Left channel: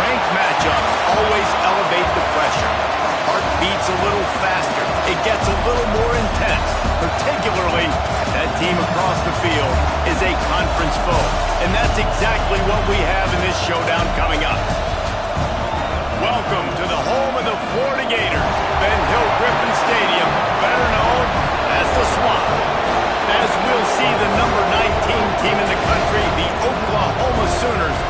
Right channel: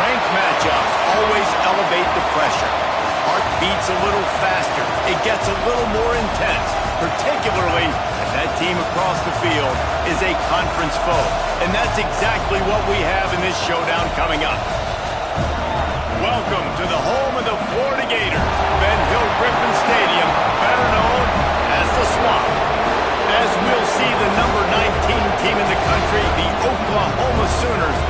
Ranked matchups always elevate the pressure. Heart beats a little faster. It gets a little more intense, particularly if that team across the field is a conference foe. And that's exactly what we have in this showdown coming up. Welcome to the home of the Florida Gators, Ben Hill Griffin Stadium, better known as the Swamp. As we'll see the number 19 team in the country, the Oklahoma Sooners,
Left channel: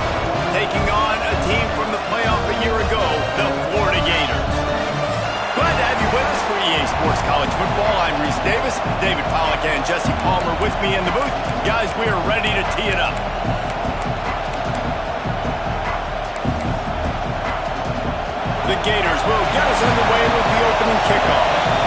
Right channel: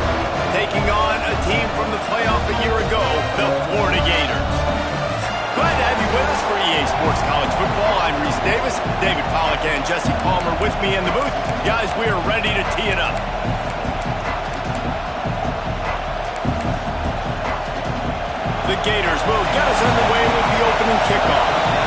taking on a team from the playoff a year ago, the Florida Gators. Glad to have you with us for EA Sports College Football. I'm Reese Davis, David Pollack and Jesse Palmer with me in the booth. Guys, we are ready to tee it up. The Gators will get us underway with the opening kickoff.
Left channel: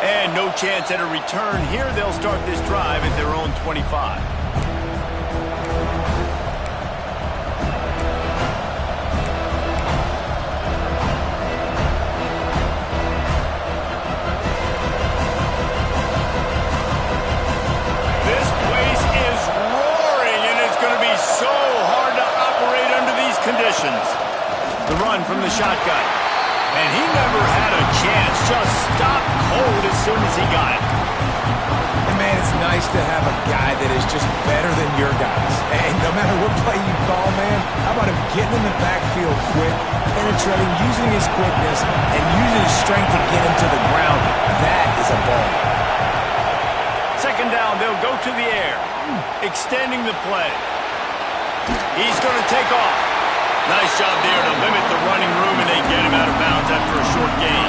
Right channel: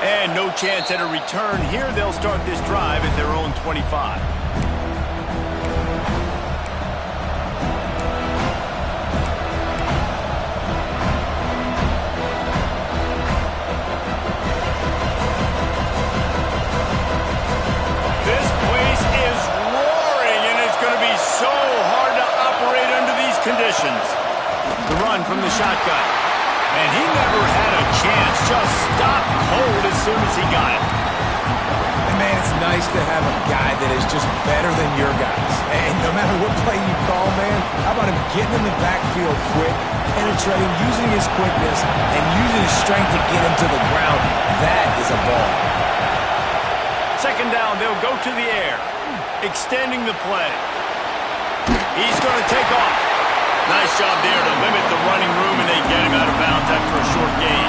And no chance at a return here. They'll start this drive at their own 25. This place is roaring, and it's going to be so hard to operate under these conditions. The run from the shotgun. And he never had a chance. Just stopped cold as soon as he got it. And man, it's nice to have a guy that is just better than your guys. And no matter what play you call, man, how about him getting in the backfield quick, penetrating, using his quickness, and using his strength to get him to the ground. That is a ball. Second down, they'll go to the air, extending the play. He's going to take off. Nice job there to limit the running room, and they get him out of bounds after a short gain.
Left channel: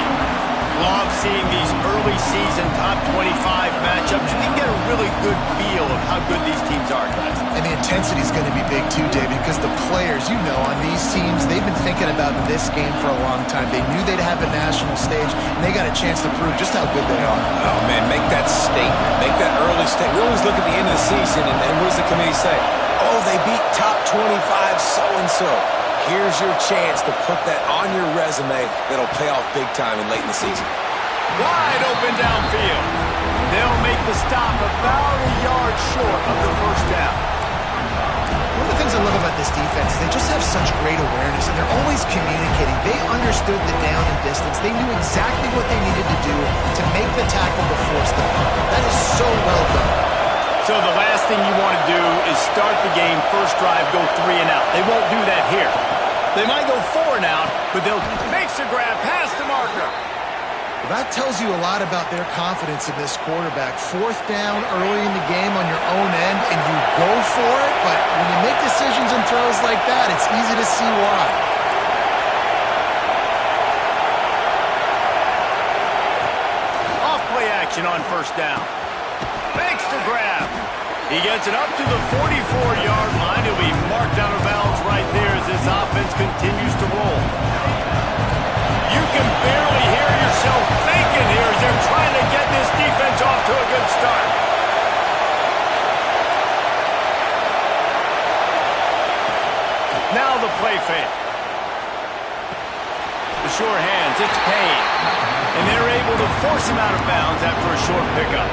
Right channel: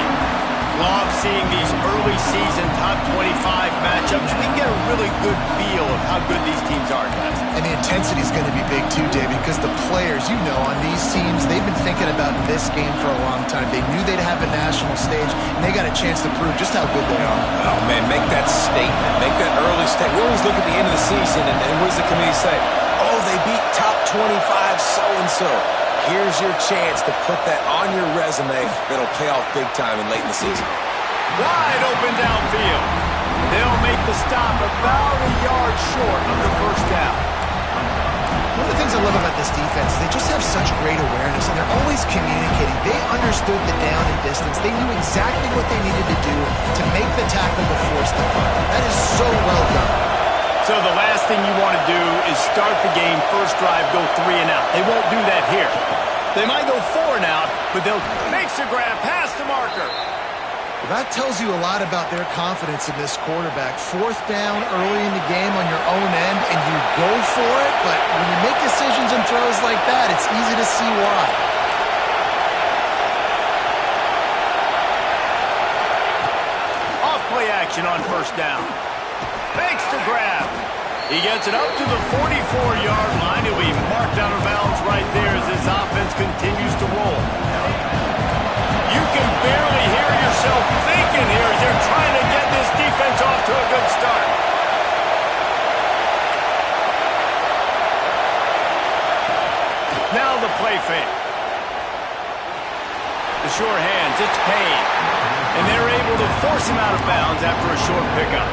Love seeing these early season top 25 matchups. We can get a really good feel of how good these teams are, guys. And the intensity is going to be big too, David, because the players, you know, on these teams, they've been thinking about this game for a long time. They knew they'd have a national stage, and they got a chance to prove just how good they are. Oh, man, make that statement. Make that early statement. We always look at the end of the season, and what does the committee say? Oh, they beat top 25 so-and-so. Here's your chance to put that on your resume that'll pay off big time and late in the season. Wide open downfield. They'll make the stop about a yard short of the first down. One of the things I love about this defense, they just have such great awareness, and they're always communicating. They understood the down and distance. They knew exactly what they needed to do to make the tackle to force the punt. That is so well done. So the last thing you want to do is start the game, first drive, go 3 and out. They won't do that here. They might go 4 and out, but they'll make the grab past the marker. Well, that tells you a lot about their confidence in this quarterback. Fourth down early in the game on your own end, and you go for it, but when you make decisions and throws like that, it's easy to see why. Off play action on first down. Makes the grab. He gets it up to the 44-yard line. He'll be marked out of bounds right there as this offense continues to roll. You can barely hear yourself thinking here as they're trying to get this defense off to a good start. Now the play fake. The sure hands, it's Payne. And they're able to force him out of bounds after a short pickup.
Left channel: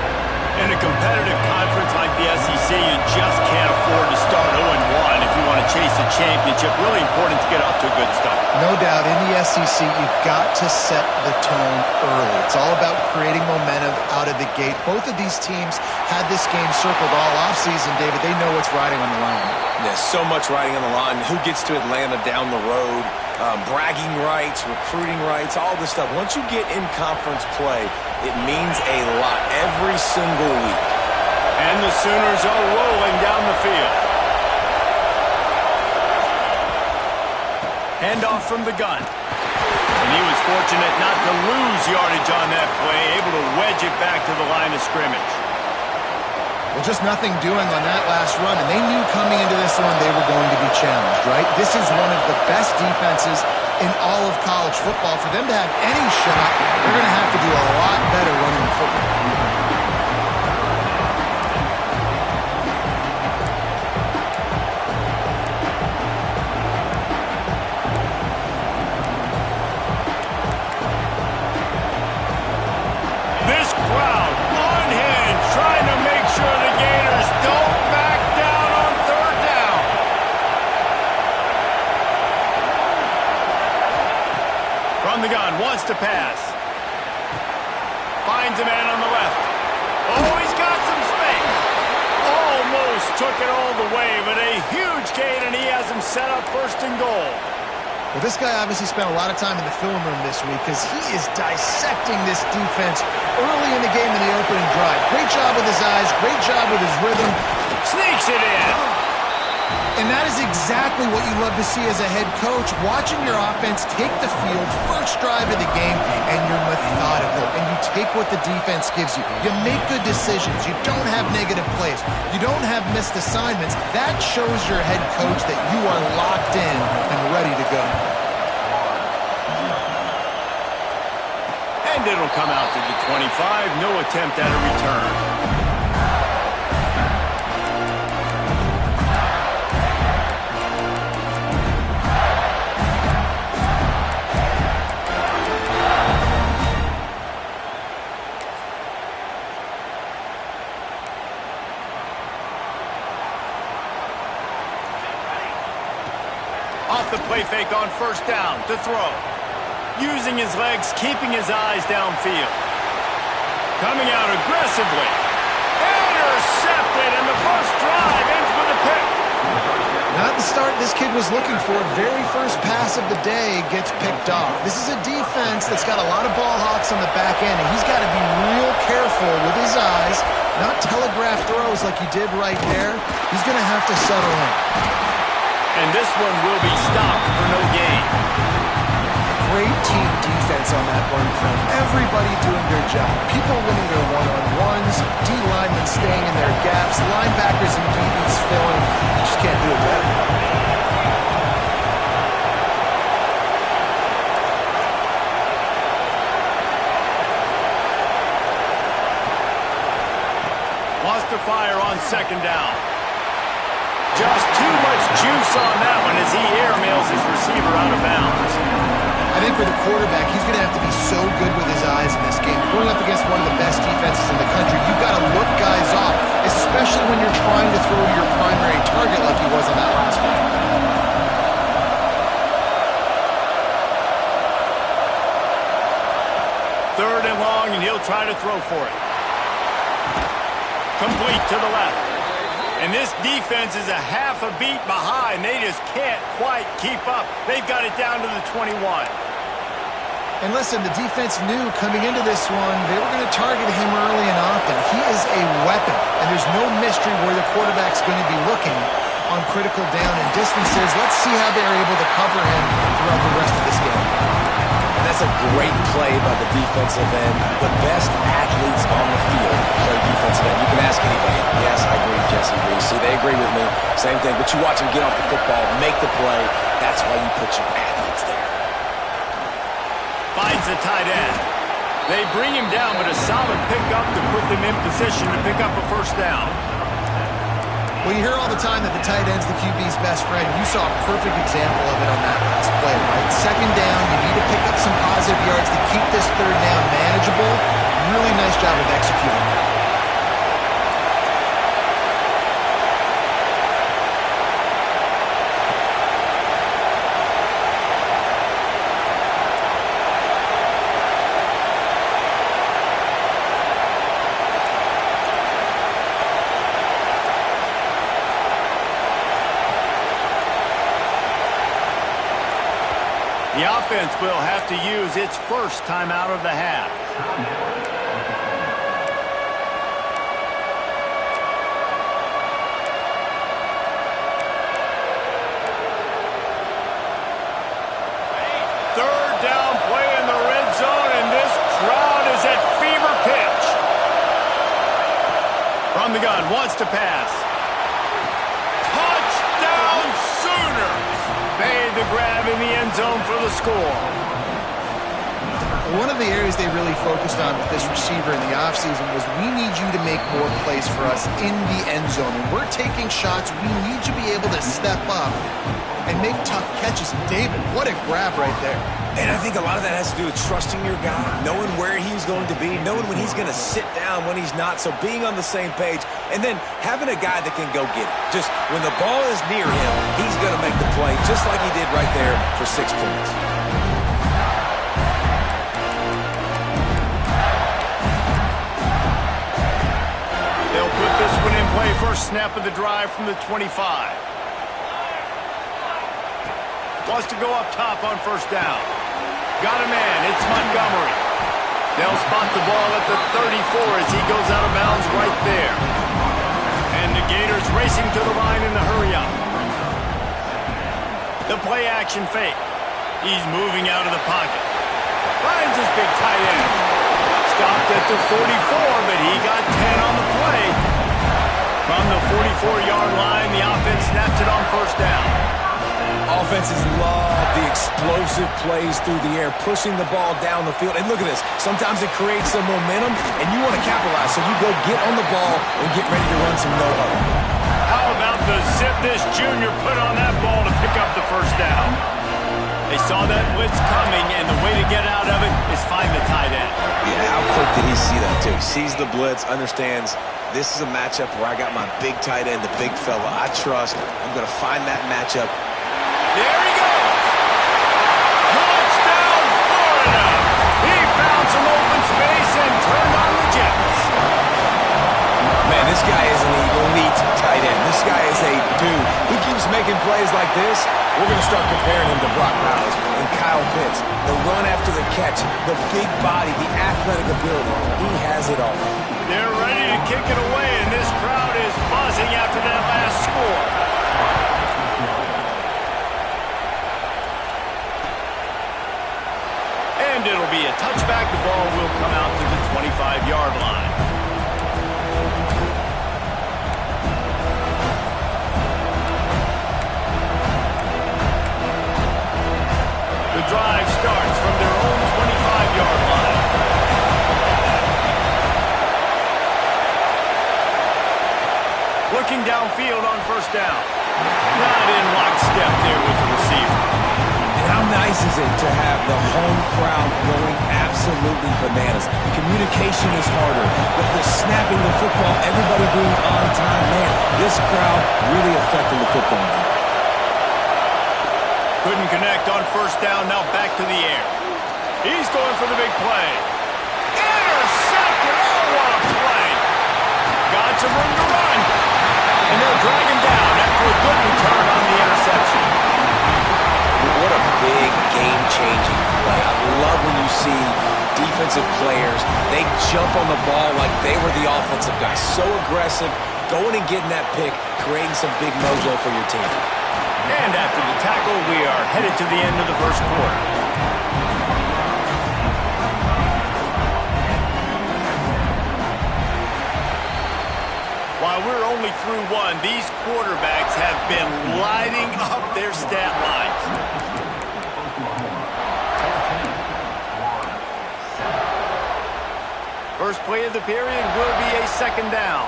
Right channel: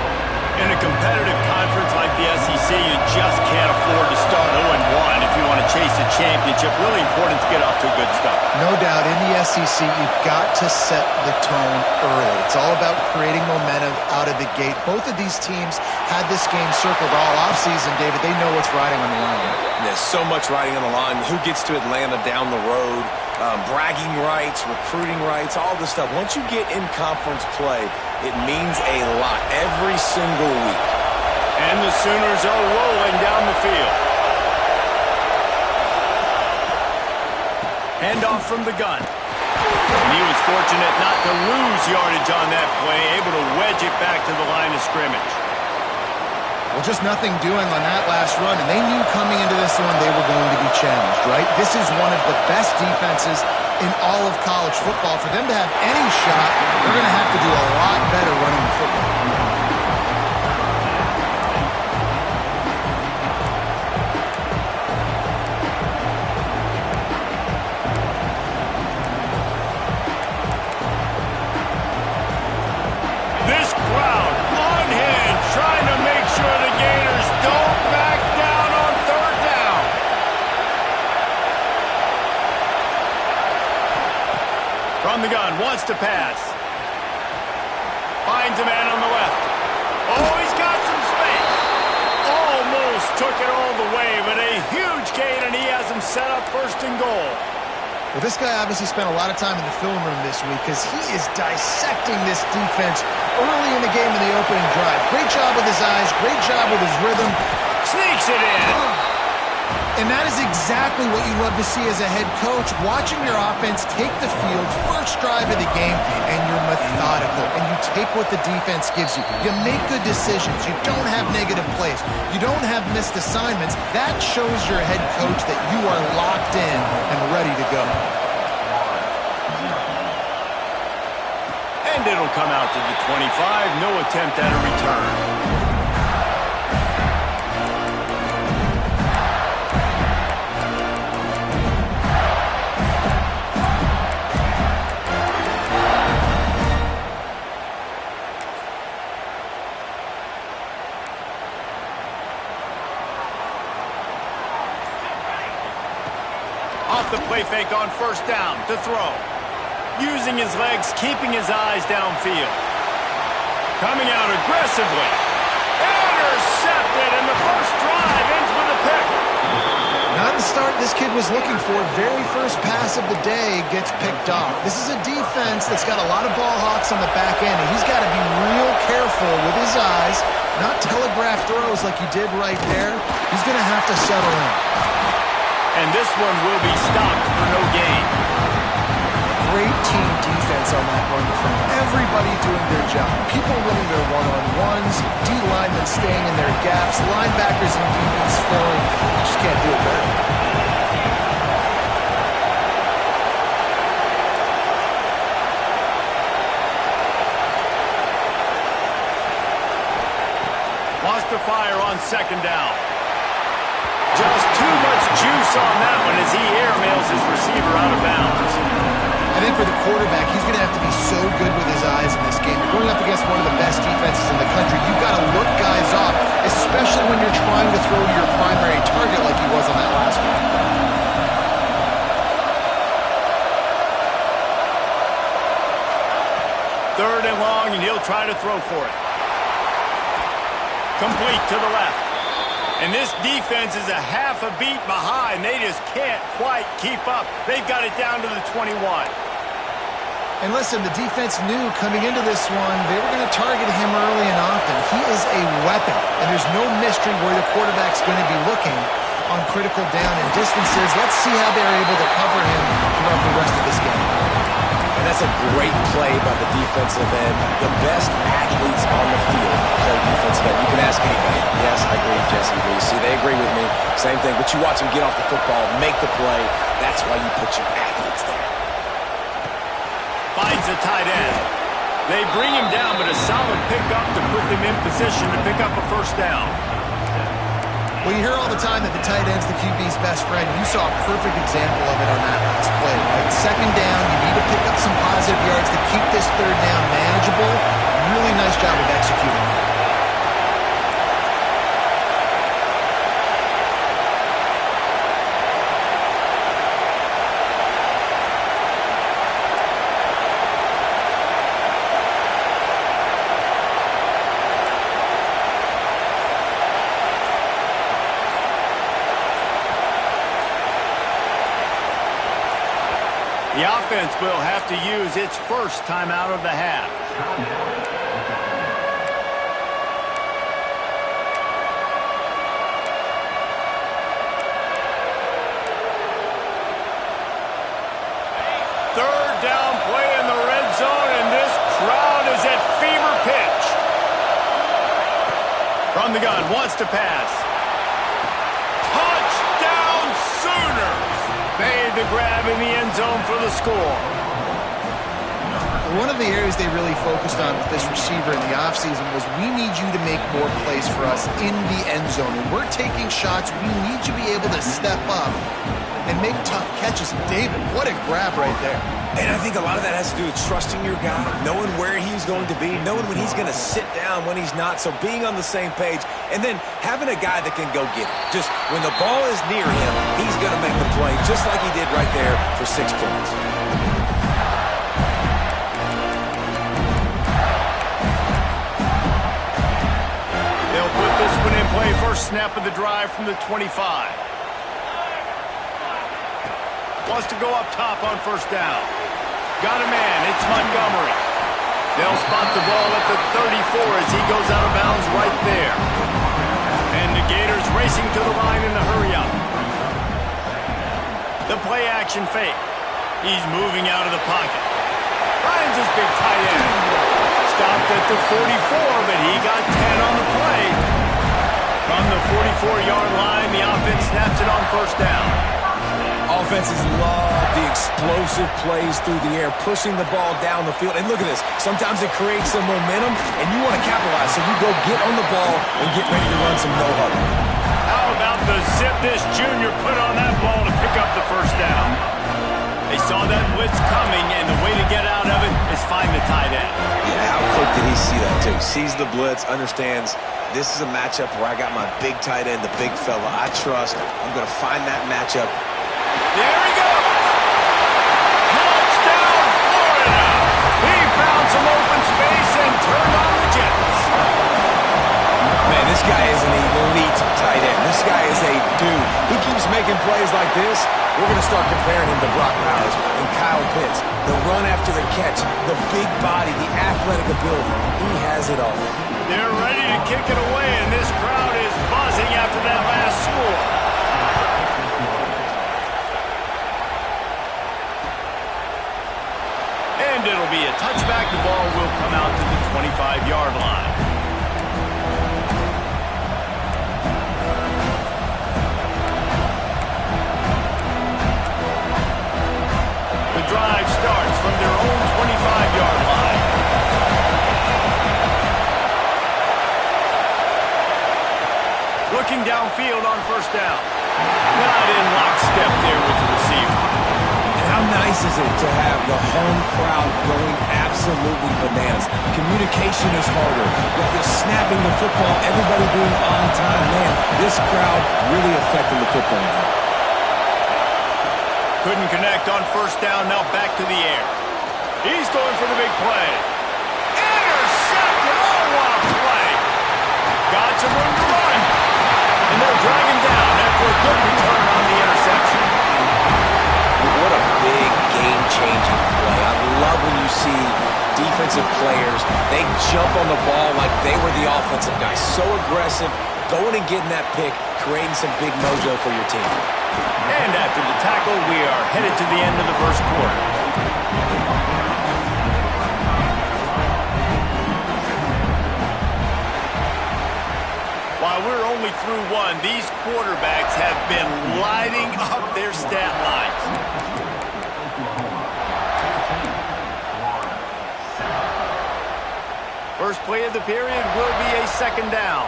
In a competitive conference like the SEC, you just can't afford to start 0-1 if you want to chase a championship. Really important to get off to a good start. No doubt, in the SEC, you've got to set the tone early. It's all about creating momentum out of the gate. Both of these teams had this game circled all offseason, David. They know what's riding on the line. There's so much riding on the line. Who gets to Atlanta down the road? Bragging rights, recruiting rights, all this stuff. Once you get in conference play, it means a lot every single week. And the Sooners are rolling down the field. Handoff from the gun. And he was fortunate not to lose yardage on that play, able to wedge it back to the line of scrimmage. Well, just nothing doing on that last run, and they knew coming into this one they were going to be challenged, right? This is one of the best defenses in all of college football. For them to have any shot, they're going to have to do a lot better running the football. This crowd unhinged, trying to make sure the Gators From the gun, wants to pass. Finds a man on the left. Oh, he's got some space. Almost took it all the way, but a huge gain, and he has him set up first and goal. Well, this guy obviously spent a lot of time in the film room this week because he is dissecting this defense early in the game in the opening drive. Great job with his eyes, great job with his rhythm. Sneaks it in. And that is exactly what you love to see as a head coach, watching your offense take the field, first drive of the game, and you're methodical, and you take what the defense gives you. You make good decisions. You don't have negative plays. You don't have missed assignments. That shows your head coach that you are locked in and ready to go. And it'll come out to the 25. No attempt at a return. Off the play fake on first down to throw. Using his legs, keeping his eyes downfield. Coming out aggressively. Intercepted, and the first drive ends with a pick. Not the start this kid was looking for. Very first pass of the day gets picked off. This is a defense that's got a lot of ball hawks on the back end, and he's got to be real careful with his eyes, not telegraph throws like he did right there. He's going to have to settle in. And this one will be stopped for no gain. Great team defense on that run play. Everybody doing their job. People winning their one-on-ones, D-linemen staying in their gaps, linebackers and DBs filling. You just can't do it better. Wants to fire on second down. Just too much juice on that one as he airmails his receiver out of bounds. I think for the quarterback, he's going to have to be so good with his eyes in this game. You're going up against one of the best defenses in the country. You've got to look guys off, especially when you're trying to throw to your primary target like he was on that last one. Third and long, and he'll try to throw for it. Complete to the left. And this defense is a half a beat behind. They just can't quite keep up. They've got it down to the 21. And listen, the defense knew coming into this one, they were going to target him early and often. He is a weapon, and there's no mystery where the quarterback's going to be looking on critical down and distances. Let's see how they're able to cover him throughout the rest of this game. And that's a great play by the defensive end. The best athletes on the field play defensive end. You can ask anybody. Yes, I agree. Jesse agrees. See, they agree with me. Same thing. But you watch them get off the football, make the play. That's why you put your athletes there. Finds a tight end. They bring him down, but a solid pickup to put them in position to pick up a first down. Well, you hear all the time that the tight end's the QB's best friend. You saw a perfect example of it on that last play, right? Second down, you need to pick up some positive yards to keep this third down manageable. Really nice job of executing that. The offense will have to use its first timeout of the half. Third down play in the red zone, and this crowd is at fever pitch. From the gun, wants to pass. Touchdown Sooners! Made the grab in the end zone for the score. One of the areas they really focused on with this receiver in the offseason was we need you to make more plays for us in the end zone. When we're taking shots, we need you to be able to step up and make tough catches. David, what a grab right there. And I think a lot of that has to do with trusting your guy, knowing where he's going to be, knowing when he's going to sit down, when he's not, so being on the same page, and then having a guy that can go get it. Just when the ball is near him, he's going to make the play, just like he did right there for 6 points. They'll put this one in play. First snap of the drive from the 25. Wants to go up top on first down. Got a man. It's Montgomery. They'll spot the ball at the 34 as he goes out of bounds right there. And the Gators racing to the line in the hurry-up. The play-action fake. He's moving out of the pocket. Finds his big tight end. Stopped at the 44, but he got 10 on the play. From the 44-yard line, the offense snaps it on first down. Offenses love the explosive plays through the air, pushing the ball down the field. And look at this. Sometimes it creates some momentum, and you want to capitalize. So you go get on the ball and get ready to run some no-huddle. How about the zip this junior put on that ball to pick up the first down? They saw that blitz coming, and the way to get out of it is find the tight end. Yeah, how quick did he see that, too? He sees the blitz, understands this is a matchup where I got my big tight end, the big fella I trust. I'm going to find that matchup. There he goes. Touchdown, Florida. He found some open space and turned on the Jets. Man, this guy is an elite tight end. This guy is a dude. He keeps making plays like this. We're going to start comparing him to Brock Bowers and Kyle Pitts. The run after the catch, the big body, the athletic ability. He has it all. They're ready to kick it away, and this crowd is buzzing after that last score. And it'll be a touchback. The ball will come out to the 25-yard line. The drive starts from their own 25-yard line. Looking downfield on first down. Not in lockstep there with the receiver. And how nice is it to have the home crowd going absolutely bananas? Communication is harder. The snapping the football, everybody being on time. Man, this crowd really affecting the football game. Couldn't connect on first down, now back to the air. He's going for the big play. Intercepted! Oh, what a play! Got some room to run. And they'll drag him down after a good return on the interception. What a big game-changing play. I love when you see defensive players, they jump on the ball like they were the offensive guy. So aggressive, going and getting that pick, creating some big mojo for your team. And after the tackle, we are headed to the end of the first quarter. While we're only through one, these quarterbacks have been lighting up their stat lines. First play of the period will be a second down.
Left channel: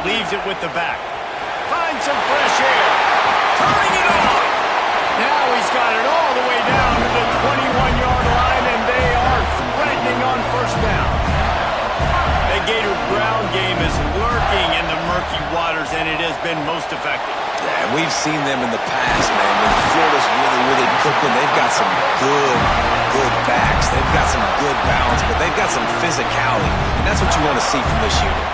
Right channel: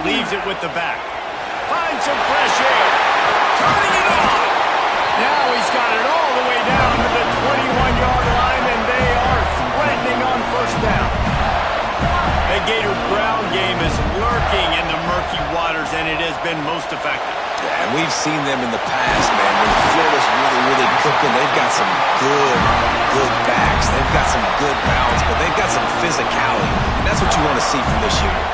Leaves it with the back. Finds some fresh air. Turning it on. Now he's got it all the way down to the 21-yard line, and they are threatening on first down. The Gator ground game is lurking in the murky waters, and it has been most effective. Yeah, and we've seen them in the past, man. When Florida's really cooking, they've got some good backs. They've got some good balance, but they've got some physicality, and that's what you want to see from this unit.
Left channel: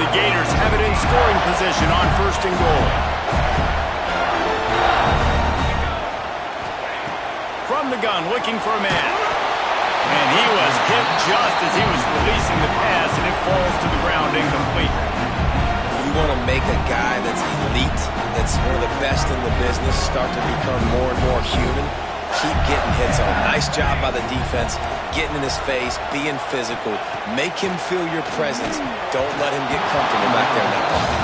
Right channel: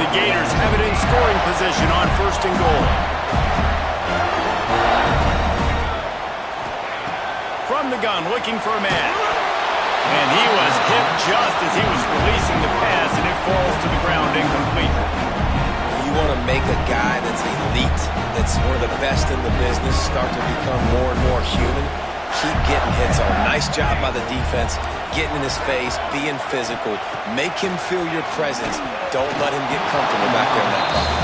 The Gators have it in scoring position on first and goal. From the gun, looking for a man. And he was hit just as he was releasing the pass, and it falls to the ground incomplete. You want to make a guy that's elite, that's one of the best in the business, start to become more and more human. Keep getting hits on. Nice job by the defense, getting in his face, being physical. Make him feel your presence. Don't let him get comfortable back there in that pocket.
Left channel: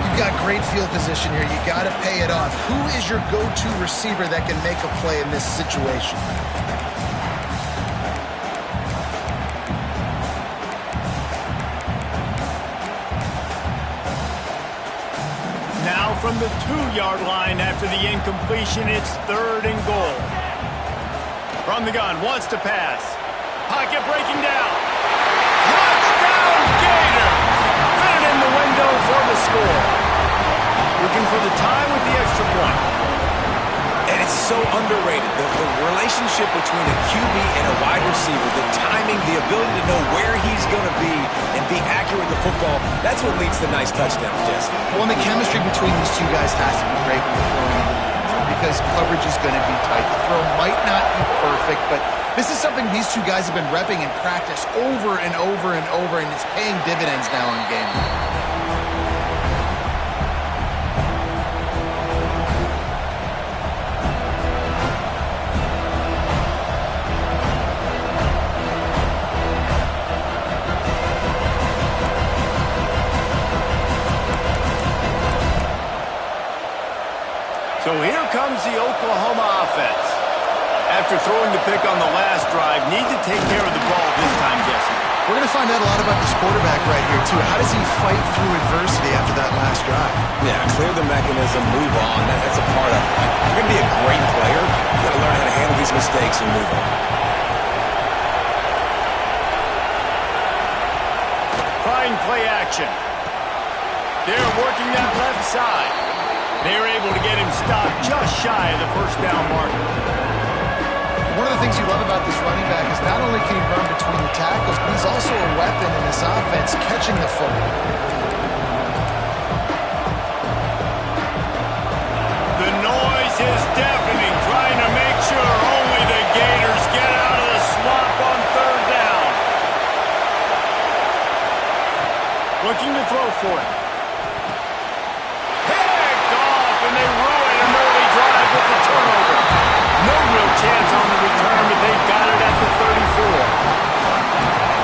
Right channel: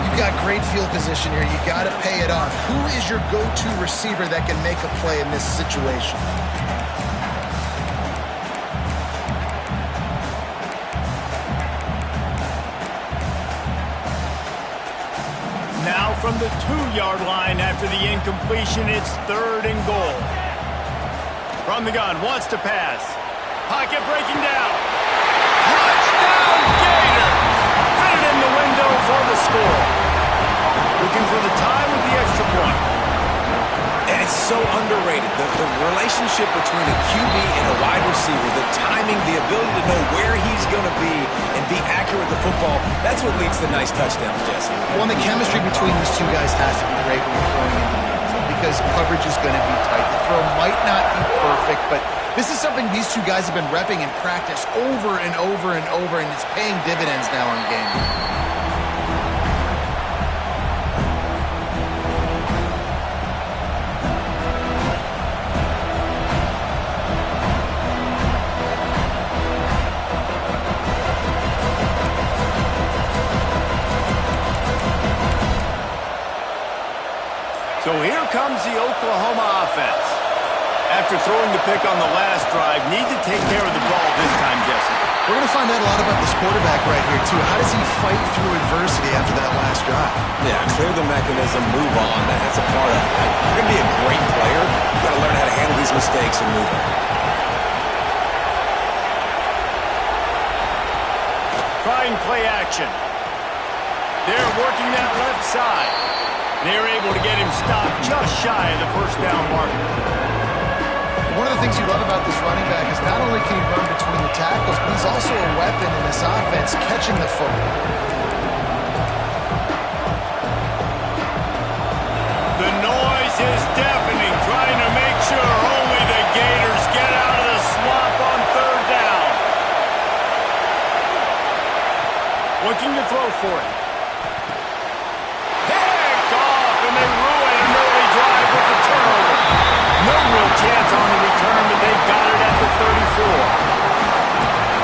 You've got great field position here. You got to pay it off. Who is your go-to receiver that can make a play in this situation? Now from the 2-yard line after the incompletion, it's third and goal. From the gun, wants to pass. Pocket breaking down. Touchdown, Gator! Fit it in the window for the score. Looking for the tie with the extra point. And it's so underrated. The relationship between a QB and a wide receiver, the timing, the ability to know where he's going to be and be accurate with the football, that's what leads to nice touchdowns, Jesse. Well, and the chemistry between these two guys has to be great when you're throwing into the end zone because coverage is going to be tight. The throw might not be perfect, but this is something these two guys have been repping in practice over and over and over, and it's paying dividends now in game. So here comes the Oklahoma offense. After throwing the pick on the last drive, need to take care of the ball this time, Jesse. We're going to find out a lot about this quarterback right here, too. How does he fight through adversity after that last drive? Yeah, clear the mechanism, move on. That's a part of it. If you're going to be a great player, you've got to learn how to handle these mistakes and move on. Trying play action. They're working that left side. They're able to get him stopped just shy of the first down marker. One of the things you love about this running back is not only can he run between the tackles, but he's also a weapon in this offense catching the football. The noise is deafening, trying to make sure only the Gators get out of the swamp on third down. Looking to throw for it. And they ruin an early drive with the turnover. No real chance on the return, but they got it at the 34.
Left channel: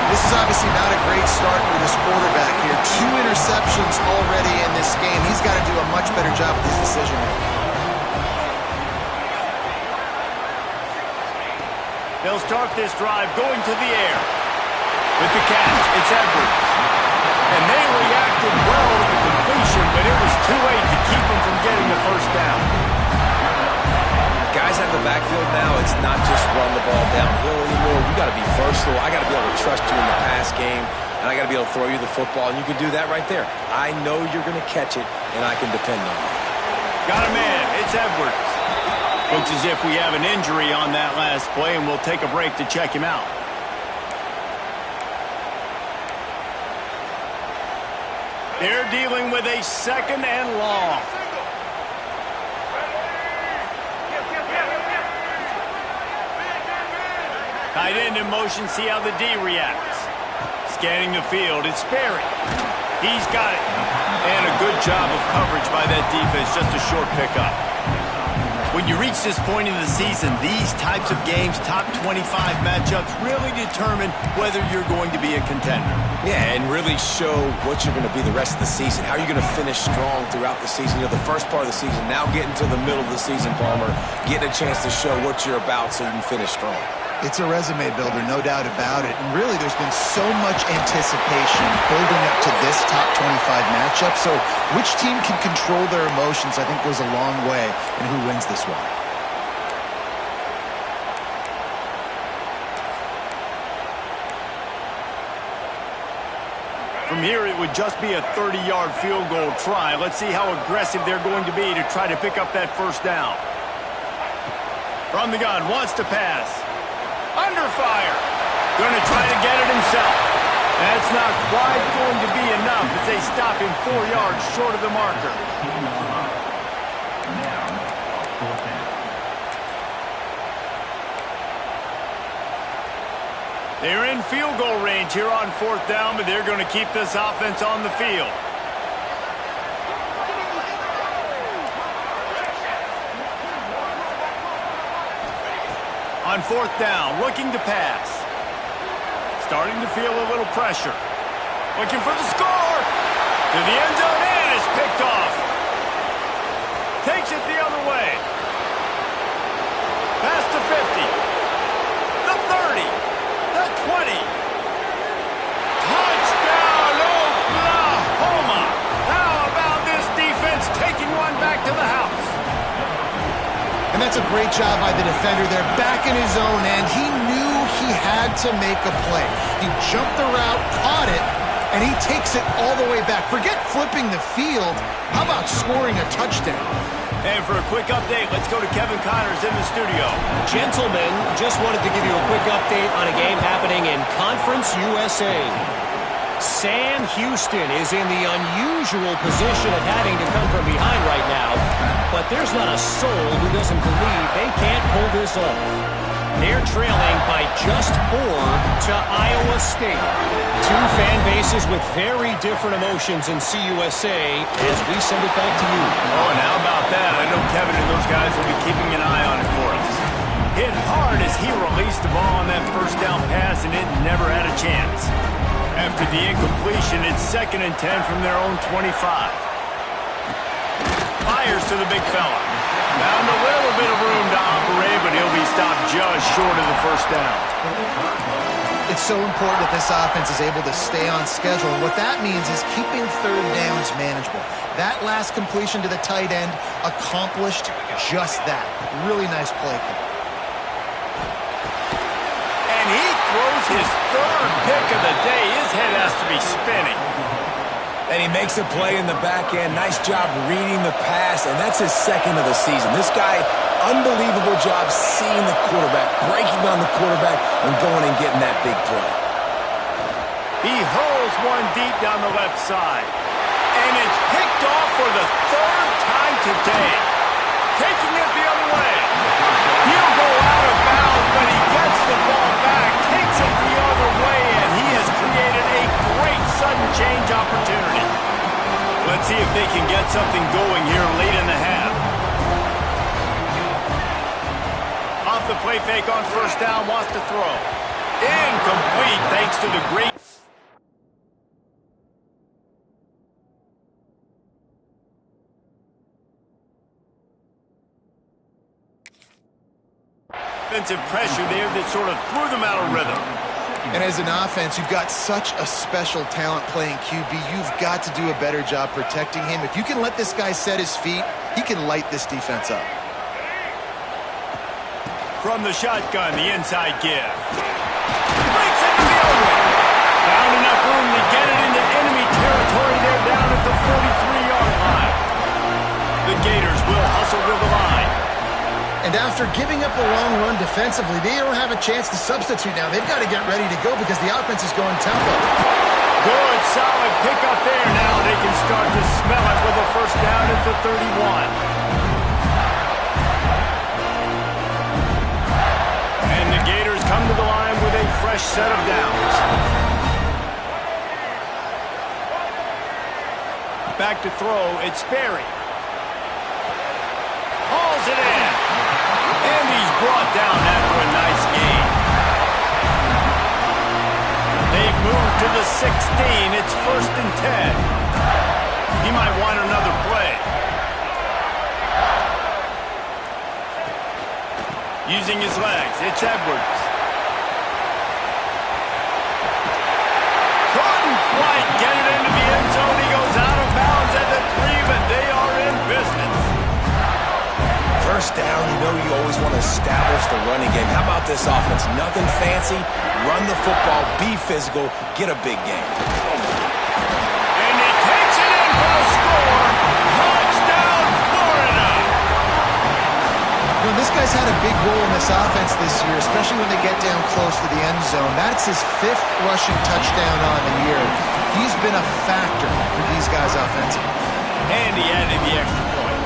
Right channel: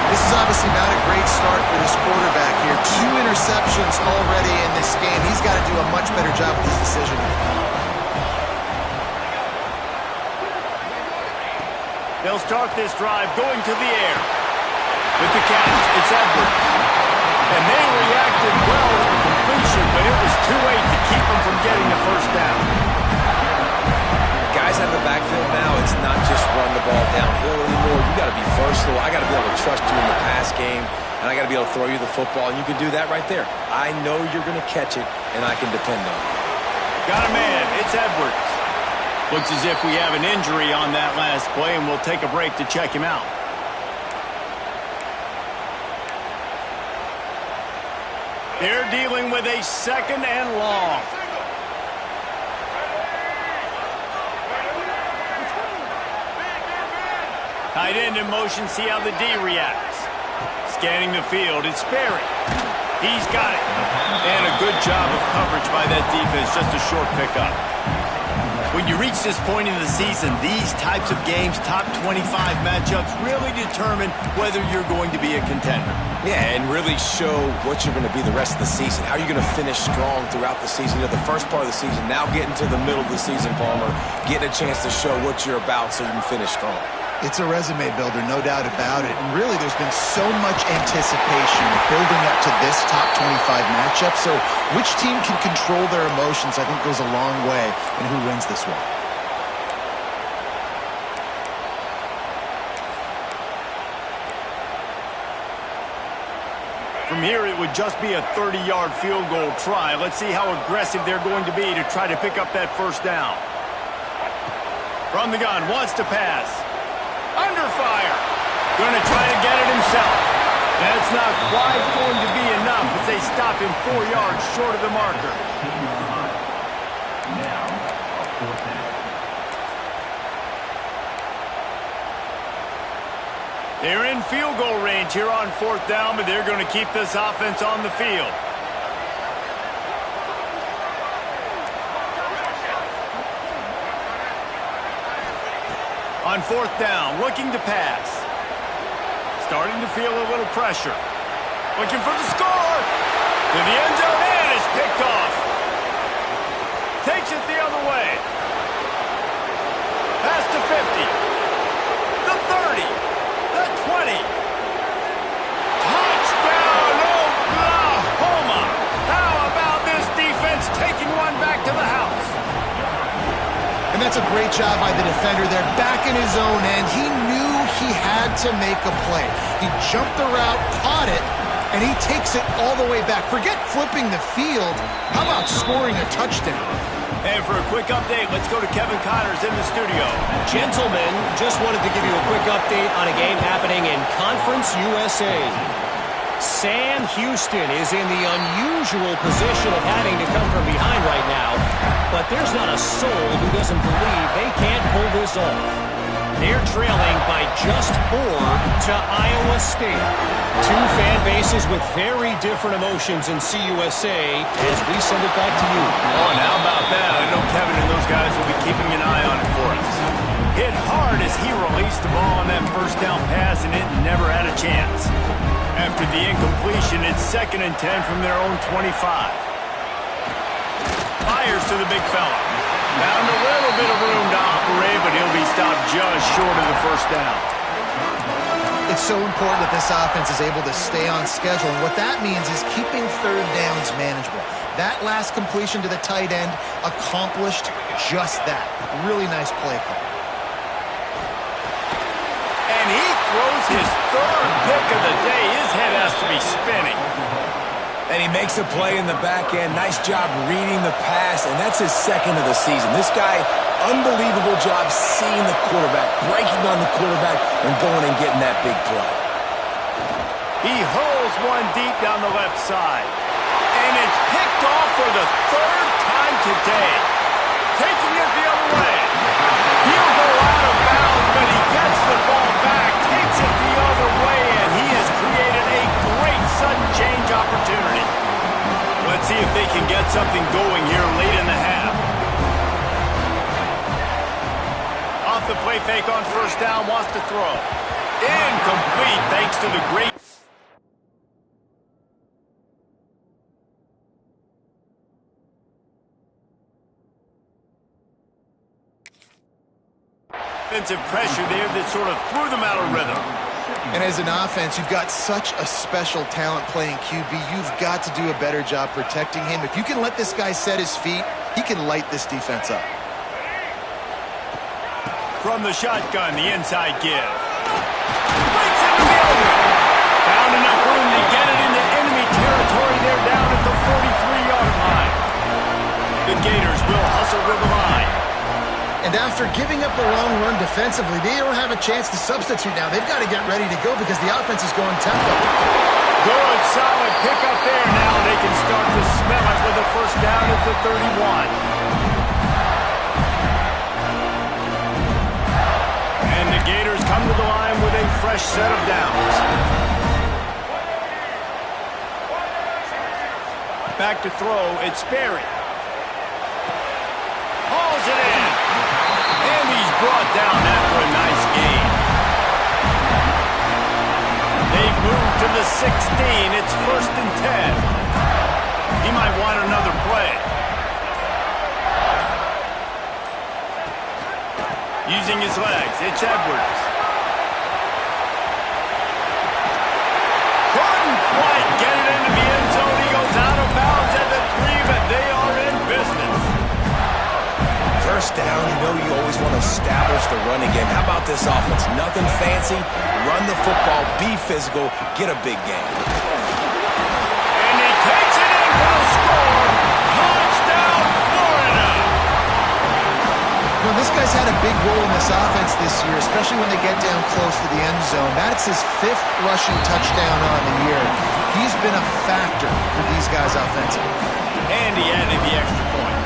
This is obviously not a great start for this quarterback here. 2 interceptions already in this game. He's got to do a much better job with his decision-making. They'll start this drive going to the air. With the catch, it's Edwards. And they reacted well to the completion, but it was too late to keep them from getting the first down. Guys out of the backfield now, it's not just run the ball downhill anymore. You got to be versatile. I got to be able to trust you in the pass game, and I got to be able to throw you the football, and you can do that right there. I know you're going to catch it, and I can depend on you. Got a man. It's Edwards. Looks as if we have an injury on that last play, and we'll take a break to check him out. They're dealing with a second and long. Tight end in motion, see how the D reacts. Scanning the field, it's Sperry. He's got it. And a good job of coverage by that defense, just a short pickup. When you reach this point in the season, these types of games, top 25 matchups, really determine whether you're going to be a contender. Yeah, and really show what you're going to be the rest of the season. How are you going to finish strong throughout the season? You know, the first part of the season, now getting to the middle of the season, Palmer, getting a chance to show what you're about so you can finish strong. It's a resume builder, no doubt about it. And really, there's been so much anticipation building up to this top 25 matchup. So which team can control their emotions, I think, goes a long way in who wins this one. From here, it would just be a 30-yard field goal try. Let's see how aggressive they're going to be to try to pick up that first down. From the gun, wants to pass. Under fire. Going to try to get it himself. That's not quite going to be enough as they stop him 4 yards short of the marker. They're in field goal range here on fourth down, but they're going to keep this offense on the field. On fourth down, looking to pass. Starting to feel a little pressure. Looking for the score. To the end zone, and it's picked off. Takes it the other way. Past the 50. The 30. The 20. Touchdown, Oklahoma. How about this defense taking one back to the house? And that's a great job by the defender there, back in his own end. He knew he had to make a play. He jumped the route, caught it, and he takes it all the way back. Forget flipping the field. How about scoring a touchdown? And for a quick update, let's go to Kevin Connors in the studio. Gentlemen, just wanted to give you a quick update on a game happening in Conference USA. Sam Houston is in the unusual position of having to come from behind right now, but there's not a soul who doesn't believe they can't pull this off. They're trailing by just 4 to Iowa State. Two fan bases with very different emotions in CUSA as we send it back to you. Oh, and how about that? I know Kevin and those guys will be keeping an eye on it for us. Hit hard as he released the ball on that first down pass, and it never had a chance. After the incompletion, it's 2nd and 10 from their own 25. Fires to the big fella. Found a little bit of room to operate, but he'll be stopped just short of the first down. It's so important that this offense is able to stay on schedule, and what that means is keeping third downs manageable. That last completion to the tight end accomplished just that. Really nice play call. And he throws his 3rd pick of the day. His head has to be spinning. And he makes a play in the back end. Nice job reading the pass, and that's his 2nd of the season. This guy, unbelievable job seeing the quarterback, breaking on the quarterback, and going and getting that big play. He hurls one deep down the left side. And it's picked off for the 3rd time today. Taking it the other way. He'll go out of bounds, but he gets the ball back, takes it the other way, and he has created a great sudden change opportunity. Let's see if they can get something going here late in the half. Off the play fake on first down, wants to throw. Incomplete thanks to the great... defensive pressure there that sort of threw them out of rhythm. And as an offense, you've got such a special talent playing QB. You've got to do a better job protecting him. If you can let this guy set his feet, he can light this defense up. From the shotgun, the inside give. Breaks into the open. Found enough room to get it into enemy territory there down at the 43-yard line. The Gators will hustle to the line. And after giving up a long run defensively, they don't have a chance to substitute now. They've got to get ready to go because the offense is going tempo. Good, solid pickup there. Now they can start to smell it with a first down at the 31. And the Gators come to the line with a fresh set of downs. Back to throw, it's Sperry. Hauls it in. And he's brought down after a nice gain. They've moved to the 16. It's 1st and 10. He might want another play. Using his legs, it's Edwards. Couldn't quite get it into the end zone. He goes out of bounds at the 3, but they are in business. First down, you know you always want to establish the running game. How about this offense? Nothing fancy. Run the football, be physical, get a big game. And he takes it in for the score. Touchdown, Florida! You know, this guy's had a big role in this offense this year, especially when they get down close to the end zone. That's his 5th rushing touchdown on the year. He's been a factor for these guys offensively. And he added the extra point.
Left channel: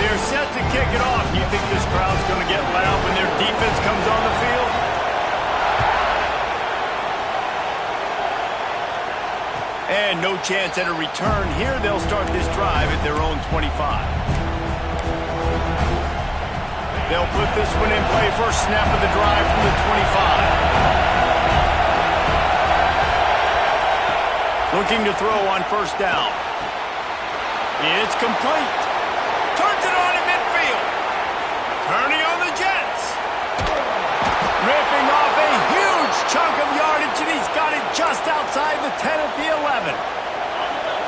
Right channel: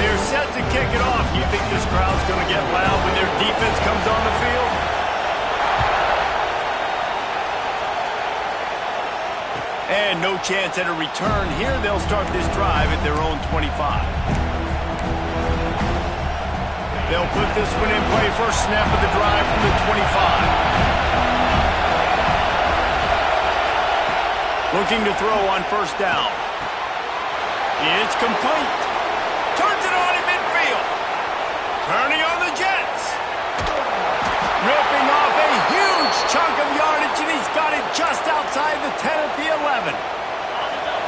They're set to kick it off. You think this crowd's going to get loud when their defense comes on the field? And no chance at a return here. They'll start this drive at their own 25. They'll put this one in play. First snap of the drive from the 25. Looking to throw on first down. It's complete. Turns it on in midfield. Turning on the Jets. Ripping off a huge chunk of yardage, and he's got it just outside the 10 at the 11.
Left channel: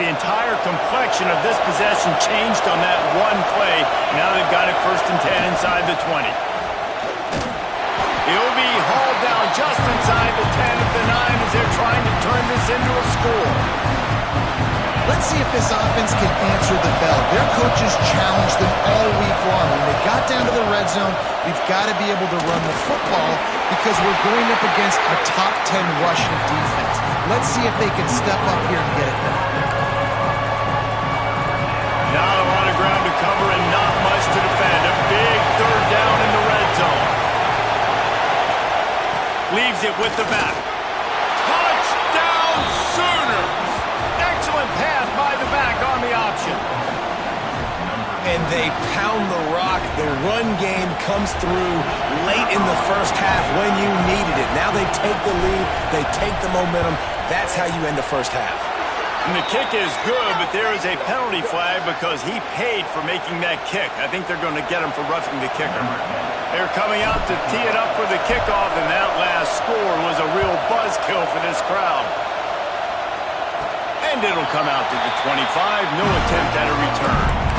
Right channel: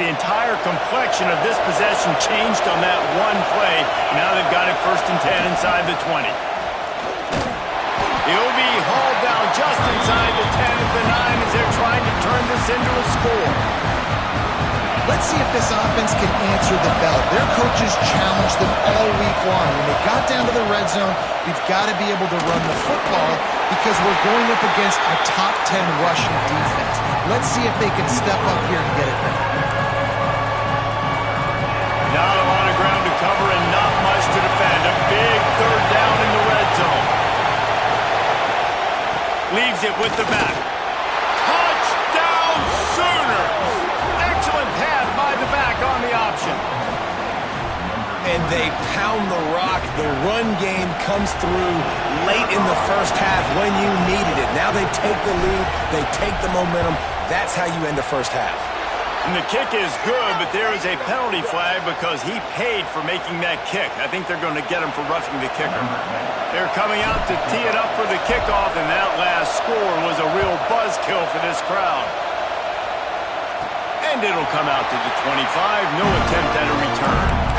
The entire complexion of this possession changed on that one play. Now they've got it 1st and 10 inside the 20. He'll be hauled down just inside the 10 at the 9 as they're trying to turn this into a score. Let's see if this offense can answer the bell. Their coaches challenged them all week long. When they got down to the red zone, we've got to be able to run the football because we're going up against a top 10 rushing defense. Let's see if they can step up here and get it done. Not a lot of ground to cover and not much to defend. A big third down in the red zone. Leaves it with the back. Touchdown Sooners! Excellent pass by the back on the option. And they pound the rock. The run game comes through late in the first half when you needed it. Now they take the lead. They take the momentum. That's how you end the first half. And the kick is good, but there is a penalty flag because he paid for making that kick. I think they're going to get him for roughing the kicker. They're coming out to tee it up for the kickoff, and that last score was a real buzzkill for this crowd. And it'll come out to the 25. No attempt at a return.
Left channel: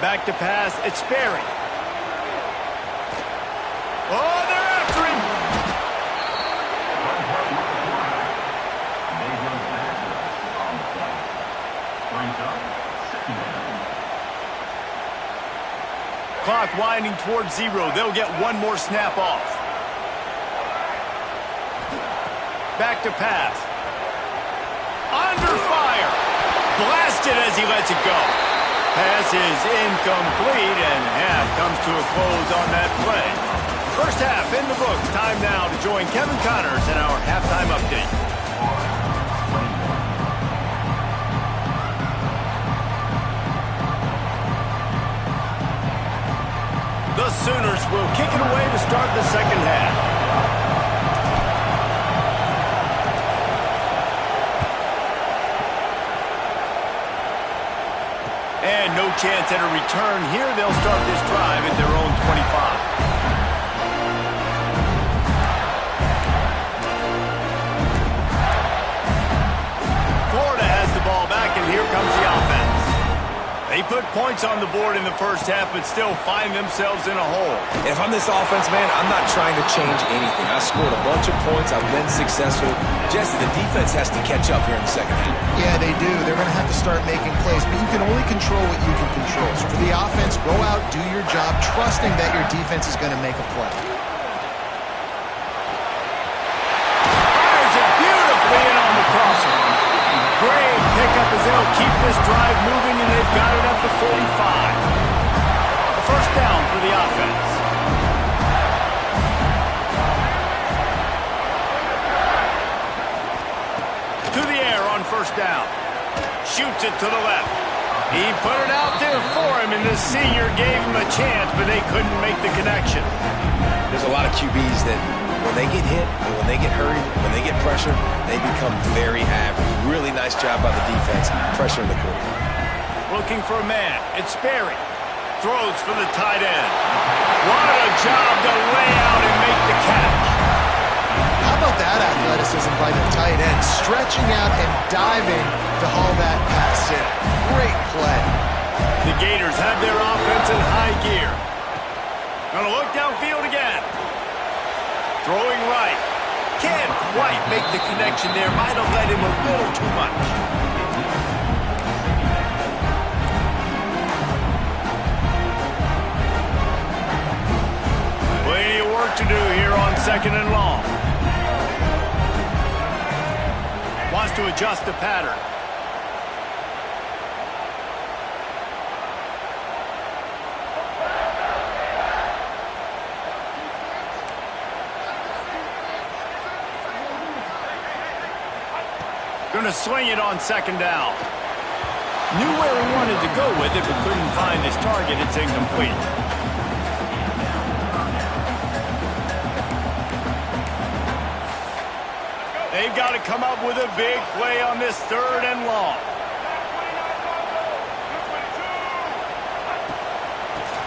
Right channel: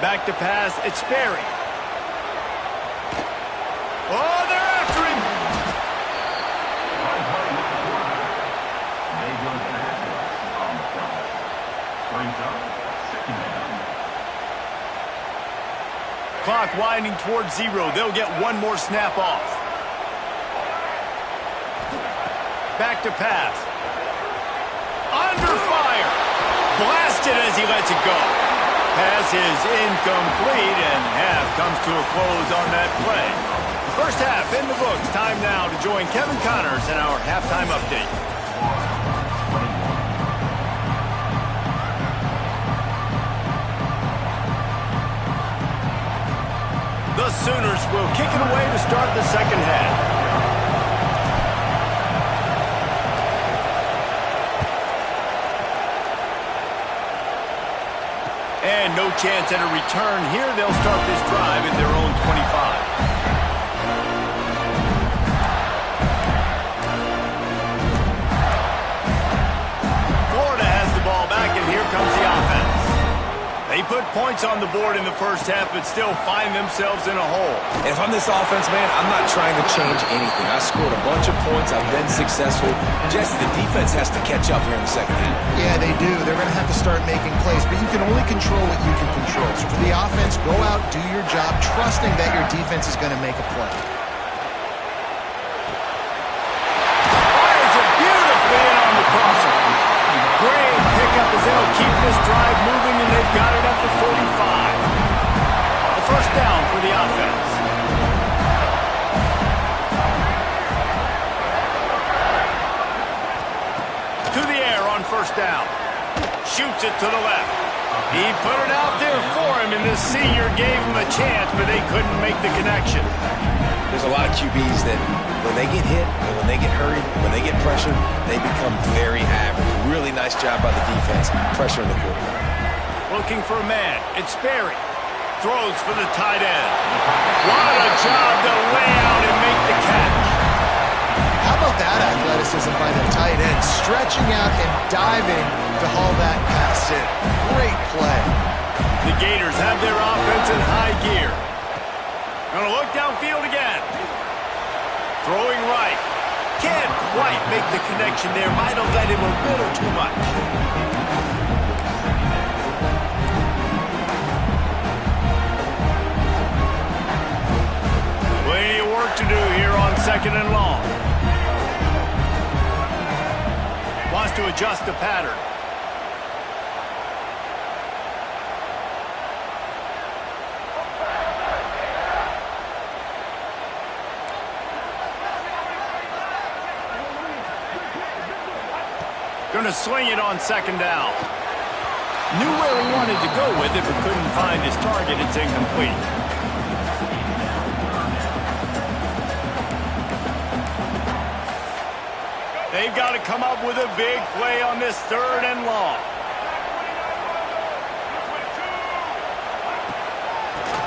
Back to pass, it's Sperry. Oh, they're after him! Clock winding towards 0. They'll get one more snap off. Back to pass. Under fire! Blasted as he lets it go. Pass is incomplete, and half comes to a close on that play. First half in the books. Time now to join Kevin Connors in our halftime update. The Sooners will kick it away to start the second half. And no chance at a return here. They'll start this drive at their own 25. Florida has the ball back, and here comes the offense. They put points on the board in the first half, but still find themselves in a hole. And if I'm this offense, man, I'm not trying to change anything. I scored a bunch of points. I've been successful. Jesse, the defense has to catch up here in the second half. Yeah, they do. They're going to have to start making plays, but you can only control what you can control. So for the offense, go out, do your job, trusting that your defense is going to make a play. Fires it beautifully in on the crosser. Great pickup as they'll keep this drive moving, and they've got it at the 45. A first down for the offense. To the air on first down. Shoots it to the left. He put it out there for him, and the senior gave him a chance, but they couldn't make the connection. There's a lot of QBs that when they get hit, and when they get hurried, and when they get pressured, they become very average. Really nice job by the defense, pressuring the quarterback. Looking for a man. It's Sperry. Throws for the tight end. What a job to lay out and make the catch. How about that athleticism by the tight end, stretching out and diving to haul that pass in. Great play. The Gators have their offense in high gear. Gonna look downfield again. Throwing right. Can't quite make the connection there. Might have led him a little too much. Plenty of work to do here on second and long. Wants to adjust the pattern. Going to swing it on second down. Knew where he wanted to go with it, but couldn't find his target. It's incomplete. They've got to come up with a big play on this third and long.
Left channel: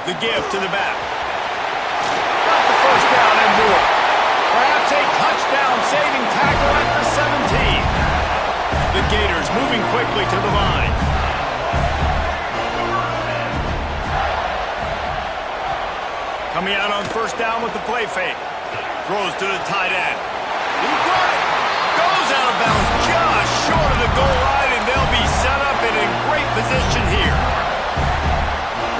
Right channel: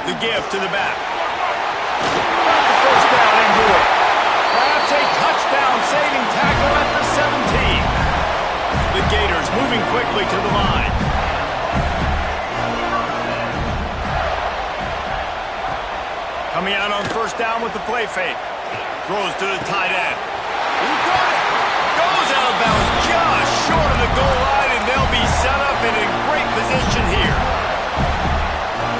The give to the back. Got the first down and more. Perhaps a touchdown-saving tackle at the 17. The Gators moving quickly to the line. Coming out on first down with the play fake. Throws to the tight end. He got it. Goes out of bounds just short of the goal line, and they'll be set up in a great position here.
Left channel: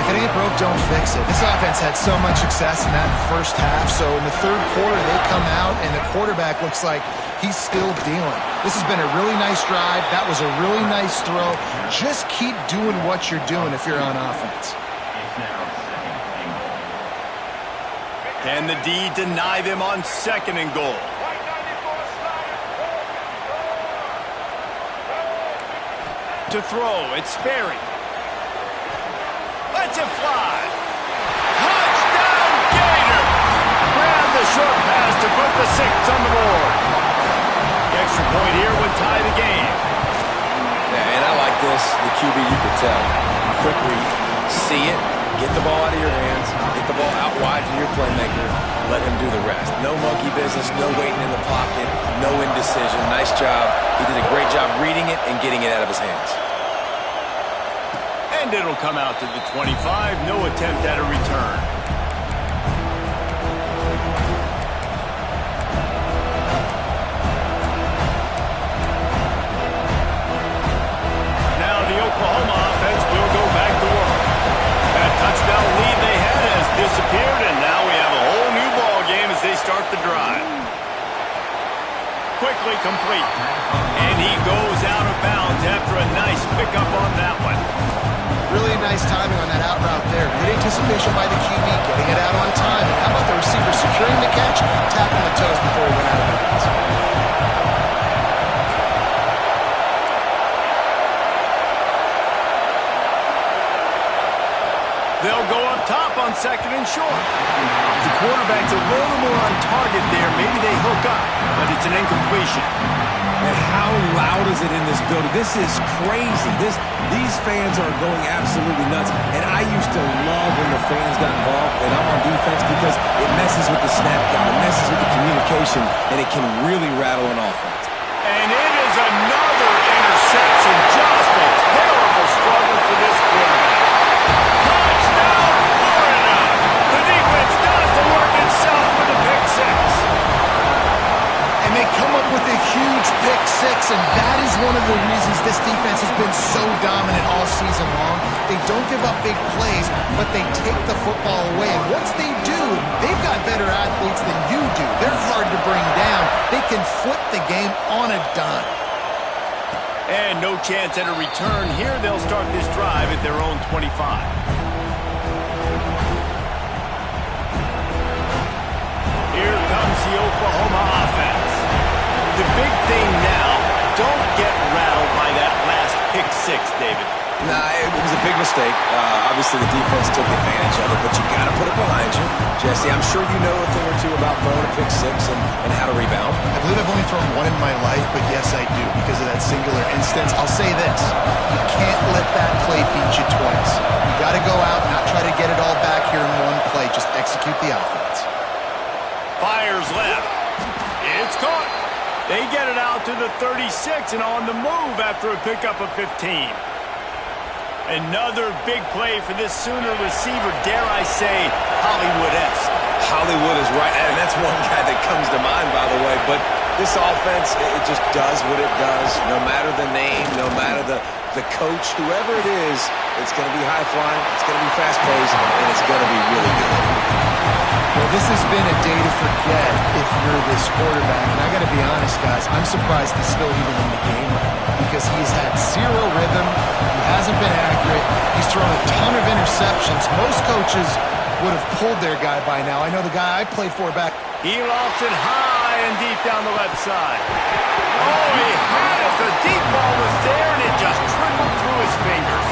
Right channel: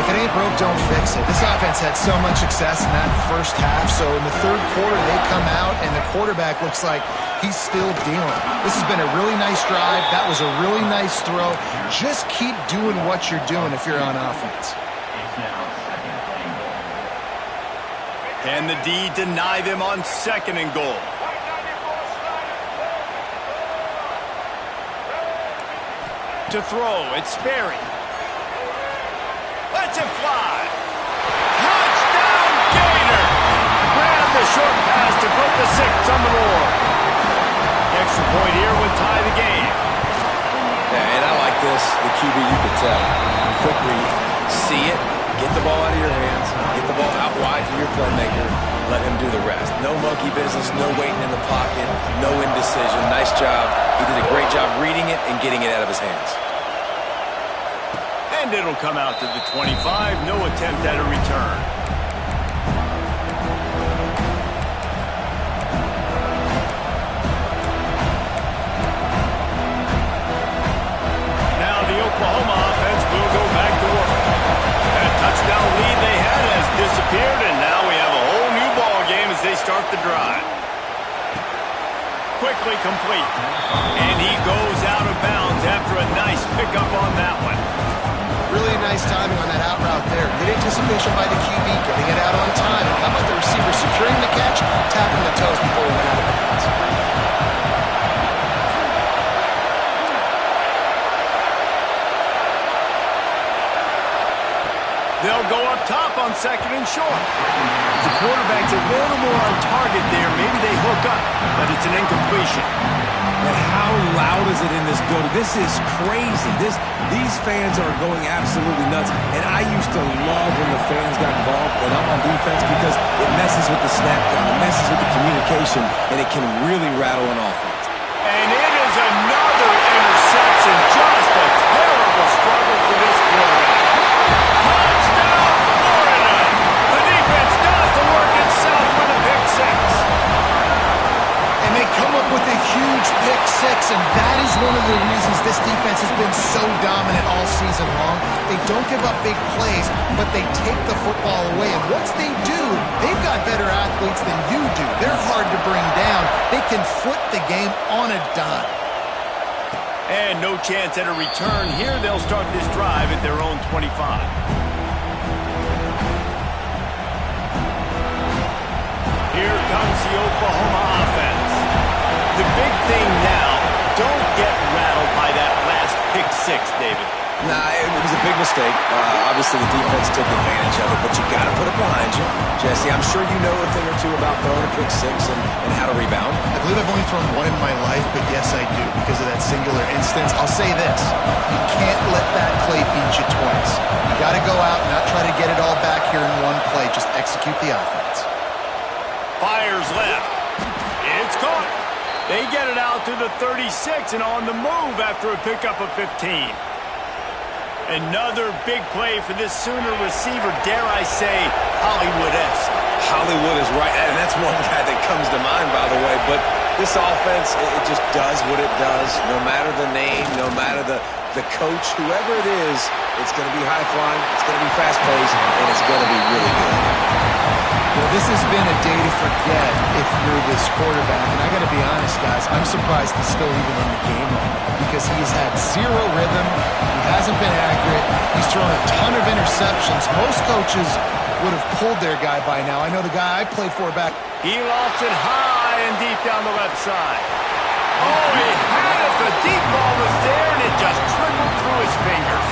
If it ain't broke, don't fix it. This offense had so much success in that first half, so in the third quarter they come out and the quarterback looks like he's still dealing. This has been a really nice drive. That was a really nice throw. Just keep doing what you're doing if you're on offense. Can the D deny them on second and goal? To throw, it's Sperry. Lets it fly. Touchdown, Gator! Grab the short pass to put the 6 on the board. The extra point here would tie the game. Yeah, and I like this. The QB, you could tell. Quick read. See it. Get the ball out of your hands. Get the ball out wide to your playmaker. Let him do the rest. No monkey business. No waiting in the pocket. No indecision. Nice job. He did a great job reading it and getting it out of his hands. And it'll come out to the 25. No attempt at a return. Now the Oklahoma offense will go back to work. That touchdown lead they had has disappeared, and now we have a whole new ball game as they start the drive. Quickly complete. And he goes out of bounds after a nice pickup on that one. Really nice timing on that out route there. Good anticipation by the QB, getting it out on time. And how about the receiver securing the catch, tapping the toes before he went out of bounds? They'll go up top on second and short. The quarterback's a little more on target there. Maybe they hook up, but it's an incompletion. And how loud is it in this building? This is crazy. These fans are going absolutely nuts. And I used to love when the fans got involved, and I'm on defense because it messes with the snap count. It messes with the communication, and it can really rattle an offense. And it is another interception. Just a terrible struggle for this quarterback. Touchdown, Florida! The defense does the work itself with a pick 6. And they come up with a huge pick 6, and that is one of the reasons this defense has been so dominant all season long. They don't give up big plays, but they take the football away. And once they do, they've got better athletes than you do. They're hard to bring down. They can flip the game on a dime. And no chance at a return here. They'll start this drive at their own 25. Here comes the Oklahoma offense. The big thing now, don't get rattled by that last pick 6, David. Nah, it was a big mistake. Obviously, the defense took advantage of it, but you got to put it behind you. Jesse, I'm sure you know a thing or two about throwing a pick 6 and how to rebound. I believe I've only thrown one in my life, but yes, I do, because of that singular instance. I'll say this. You can't let that play beat you twice. You got to go out, not try to get it all back here in one play. Just execute the offense. Fires left. It's caught. They get it out to the 36 and on the move after a pickup of 15. Another big play for this Sooner receiver, dare I say, Hollywood-esque. Hollywood is right, and that's one guy that comes to mind, by the way. But this offense, it just does what it does. No matter the name, no matter the coach, whoever it is, it's going to be high-flying, it's going to be fast-paced, and it's going to be really good. Well, this has been a day to forget if you're this quarterback. And I got to be honest, guys, I'm surprised he's still even in the game right now because he's had zero rhythm. He hasn't been accurate. He's thrown a ton of interceptions. Most coaches would have pulled their guy by now. I know the guy I played for back. He lost it high and deep down the left side. Oh, he had it. The deep ball was there, and it just trickled through his fingers.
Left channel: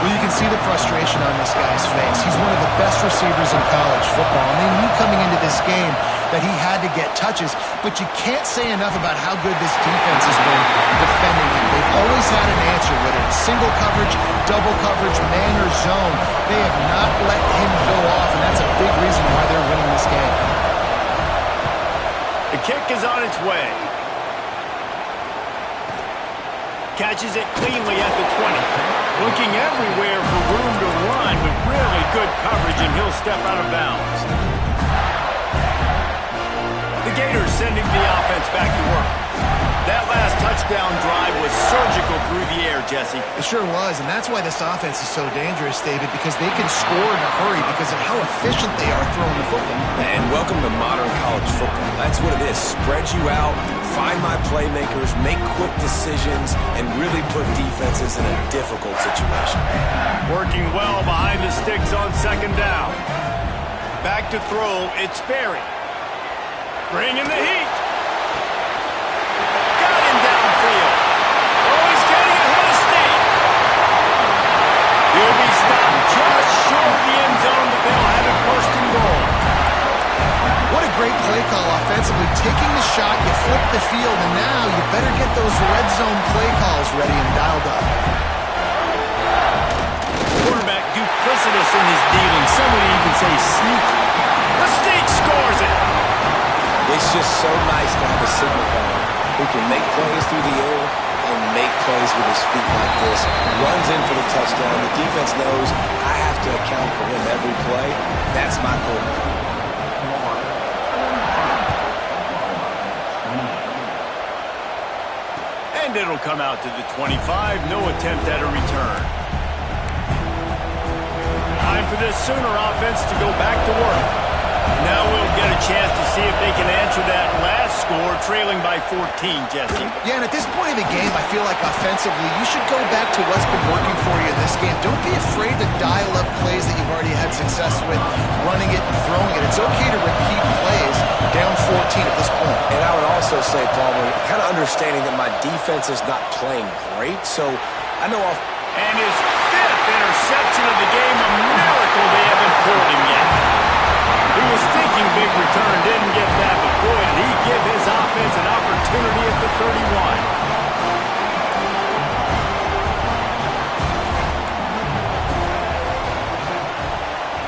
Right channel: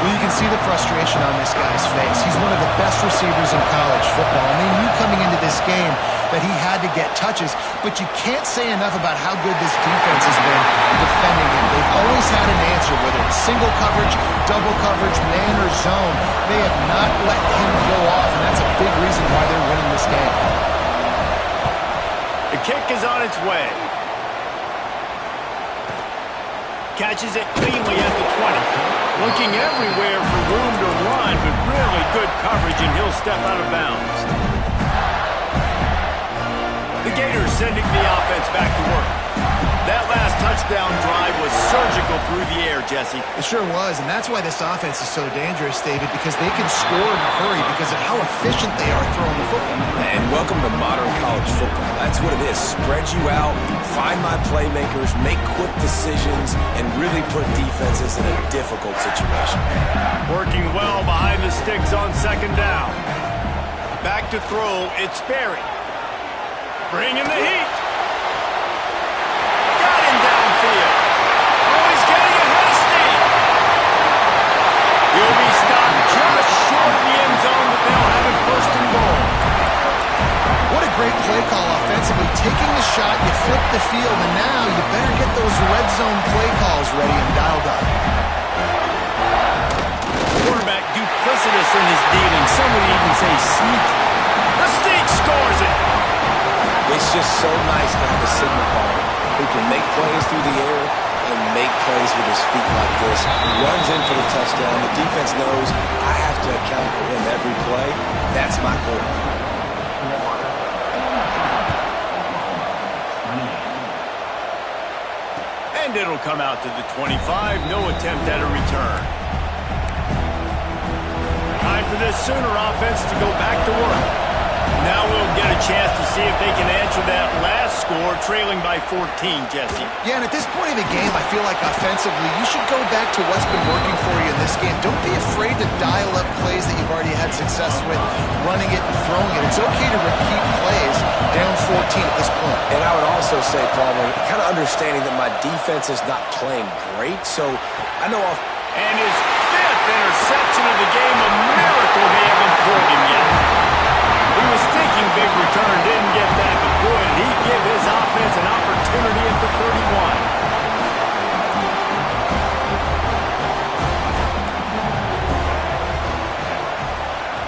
Well, you can can see the frustration on this guy's face. He's one of the best receivers in college football, and they knew coming into this game that he had to get touches, but you can't say enough about how good this defense has been defending him. They've always had an answer, whether it's single coverage, double coverage, man or zone. They have not let him go off, and that's a big reason why they're winning this game. The kick is on its way. Catches it cleanly at the 20. Looking everywhere for room to run, but really good coverage, and he'll step out of bounds. The Gators sending the offense back to work. That last touchdown drive was surgical through the air, Jesse. It sure was, and that's why this offense is so dangerous, David, because they can score in a hurry because of how efficient they are throwing the football. And welcome to modern college football. That's what it is. Spread you out, find my playmakers, make quick decisions, and really put defenses in a difficult situation. Working well behind the sticks on second down. Back to throw, it's Berry. Bringing the heat. Got him downfield. Oh, he's getting ahead of steam. He'll be stopped just short of the end zone, but they'll have it first and goal. What a great play call offensively. Taking the shot, you flip the field, and now you better get those red zone play calls ready and dialed up. Quarterback duplicitous in his dealing. Some would even say sneaky. The sneak scores it. It's just so nice to have a signal caller who can make plays through the air and make plays with his feet like this. Runs in for the touchdown. The defense knows I have to account for him every play. That's my quarterback. And it'll come out to the 25. No attempt at a return. Time for this Sooner offense to go back to work. Now we'll get a chance to see if they can answer that last score, trailing by 14, Jesse. Yeah, and at this point in the game, I feel like offensively, you should go back to what's been working for you in this game. Don't be afraid to dial up plays that you've already had success with, running it and throwing it. It's okay to repeat plays down 14 at this point. And I would also say, Palmer, kind of understanding that my defense is not playing great, so I know off. And his fifth interception of the game, a miracle they haven't pulled him yet. He was thinking big return, didn't get that, but boy, did he give his offense an opportunity at the 31.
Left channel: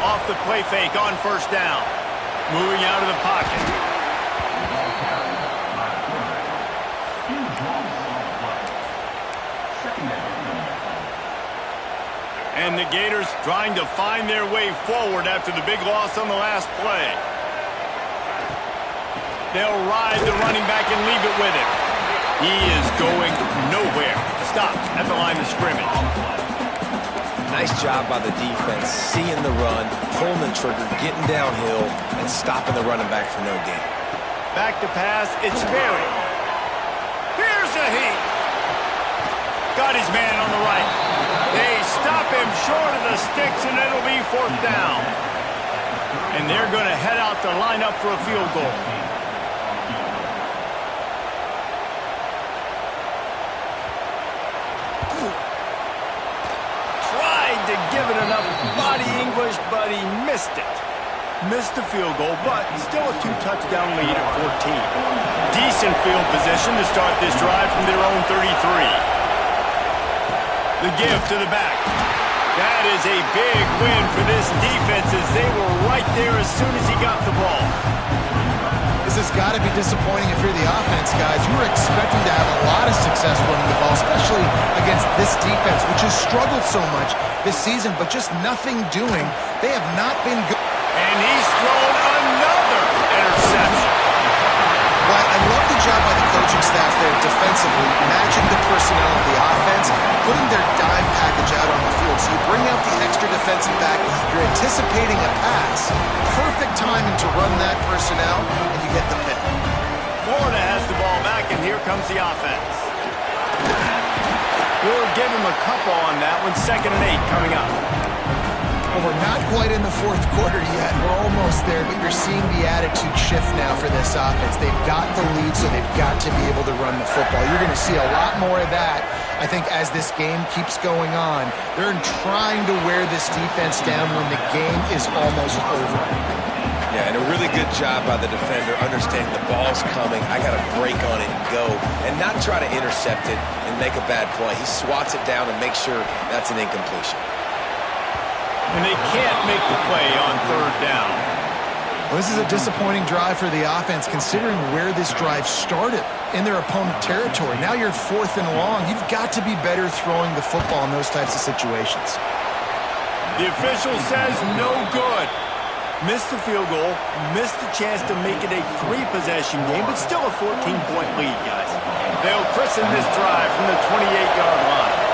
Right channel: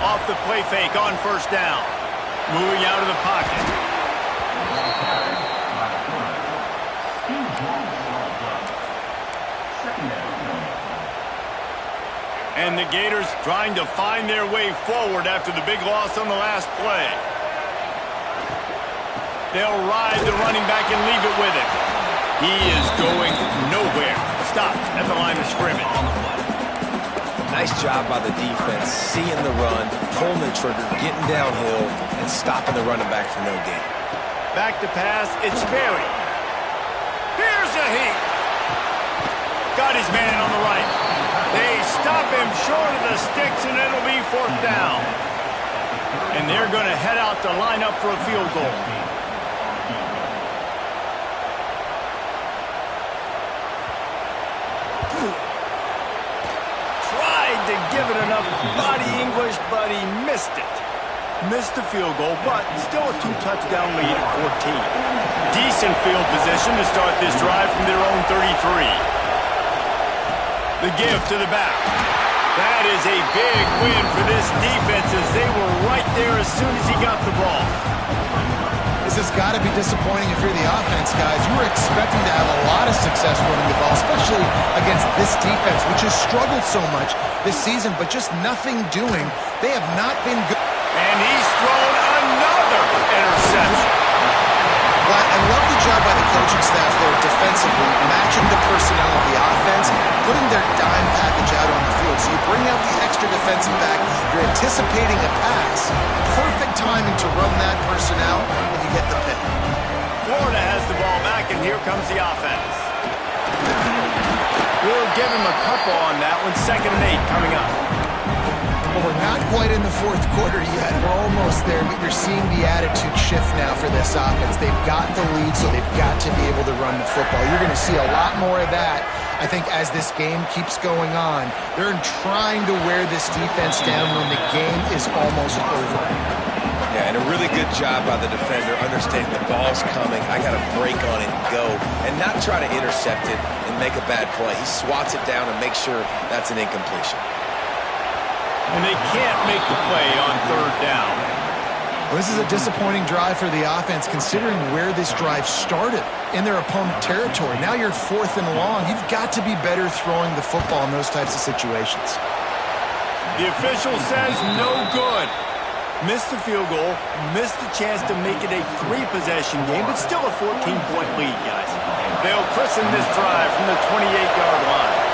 Off the play fake on first down. Moving out of the pocket. And the Gators trying to find their way forward after the big loss on the last play. They'll ride the running back and leave it with him. He is going nowhere. Stopped at the line of scrimmage. Nice job by the defense, seeing the run, pulling the trigger, getting downhill, and stopping the running back for no gain. Back to pass, it's Berry. Here's a heat. Got his man on the right. They stop him short of the sticks, and it'll be fourth down. And they're going to head out to line up for a field goal. Tried to give it enough body English, but he missed it. Missed the field goal, but still a two-touchdown lead at 14. Decent field position to start this drive from their own 33. The give to the back. That is a big win for this defense as they were right there as soon as he got the ball. This has got to be disappointing if you're the offense, guys. You were expecting to have a lot of success running the ball, especially against this defense, which has struggled so much this season, but just nothing doing. They have not been good. And he's thrown another interception. Well, I love the job by the coaching staff there defensively, matching the personnel of the offense, putting their dime package out on the field. So you bring out the extra defensive back, you're anticipating a pass, perfect timing to run that personnel, and you get the pick. Florida has the ball back, and here comes the offense. We'll give him a couple on that one. 2nd and 8 coming up. Well, we're not quite in the fourth quarter yet. We're almost there, but you're seeing the attitude shift now for this offense. They've got the lead, so they've got to be able to run the football. You're going to see a lot more of that, I think, as this game keeps going on. They're trying to wear this defense down when the game is almost over. Yeah, and a really good job by the defender understanding the ball's coming. I got to break on it and go, and not try to intercept it and make a bad play. He swats it down and makes sure that's an incompletion. And they can't make the play on third down. Well, this is a disappointing drive for the offense, considering where this drive started, in their opponent territory. Now you're 4th and long. You've got to be better throwing the football in those types of situations. The official says no good. Missed the field goal, missed the chance to make it a 3-possession game, but still a 14-point lead, guys. They'll christen this drive from the 28-yard line.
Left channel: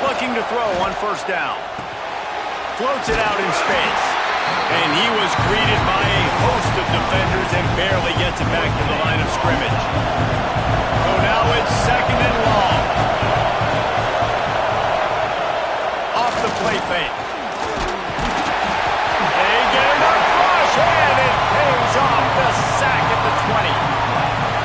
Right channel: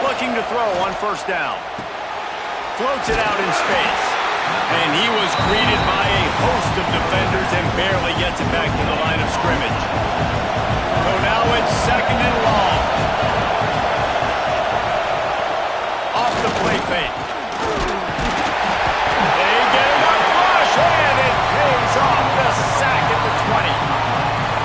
Looking to throw on first down. Floats it out in space. And he was greeted by a host of defenders and barely gets it back to the line of scrimmage. So now it's 2nd and long. Off the play fake. They get enough rush, and it pays off. The sack at the 20.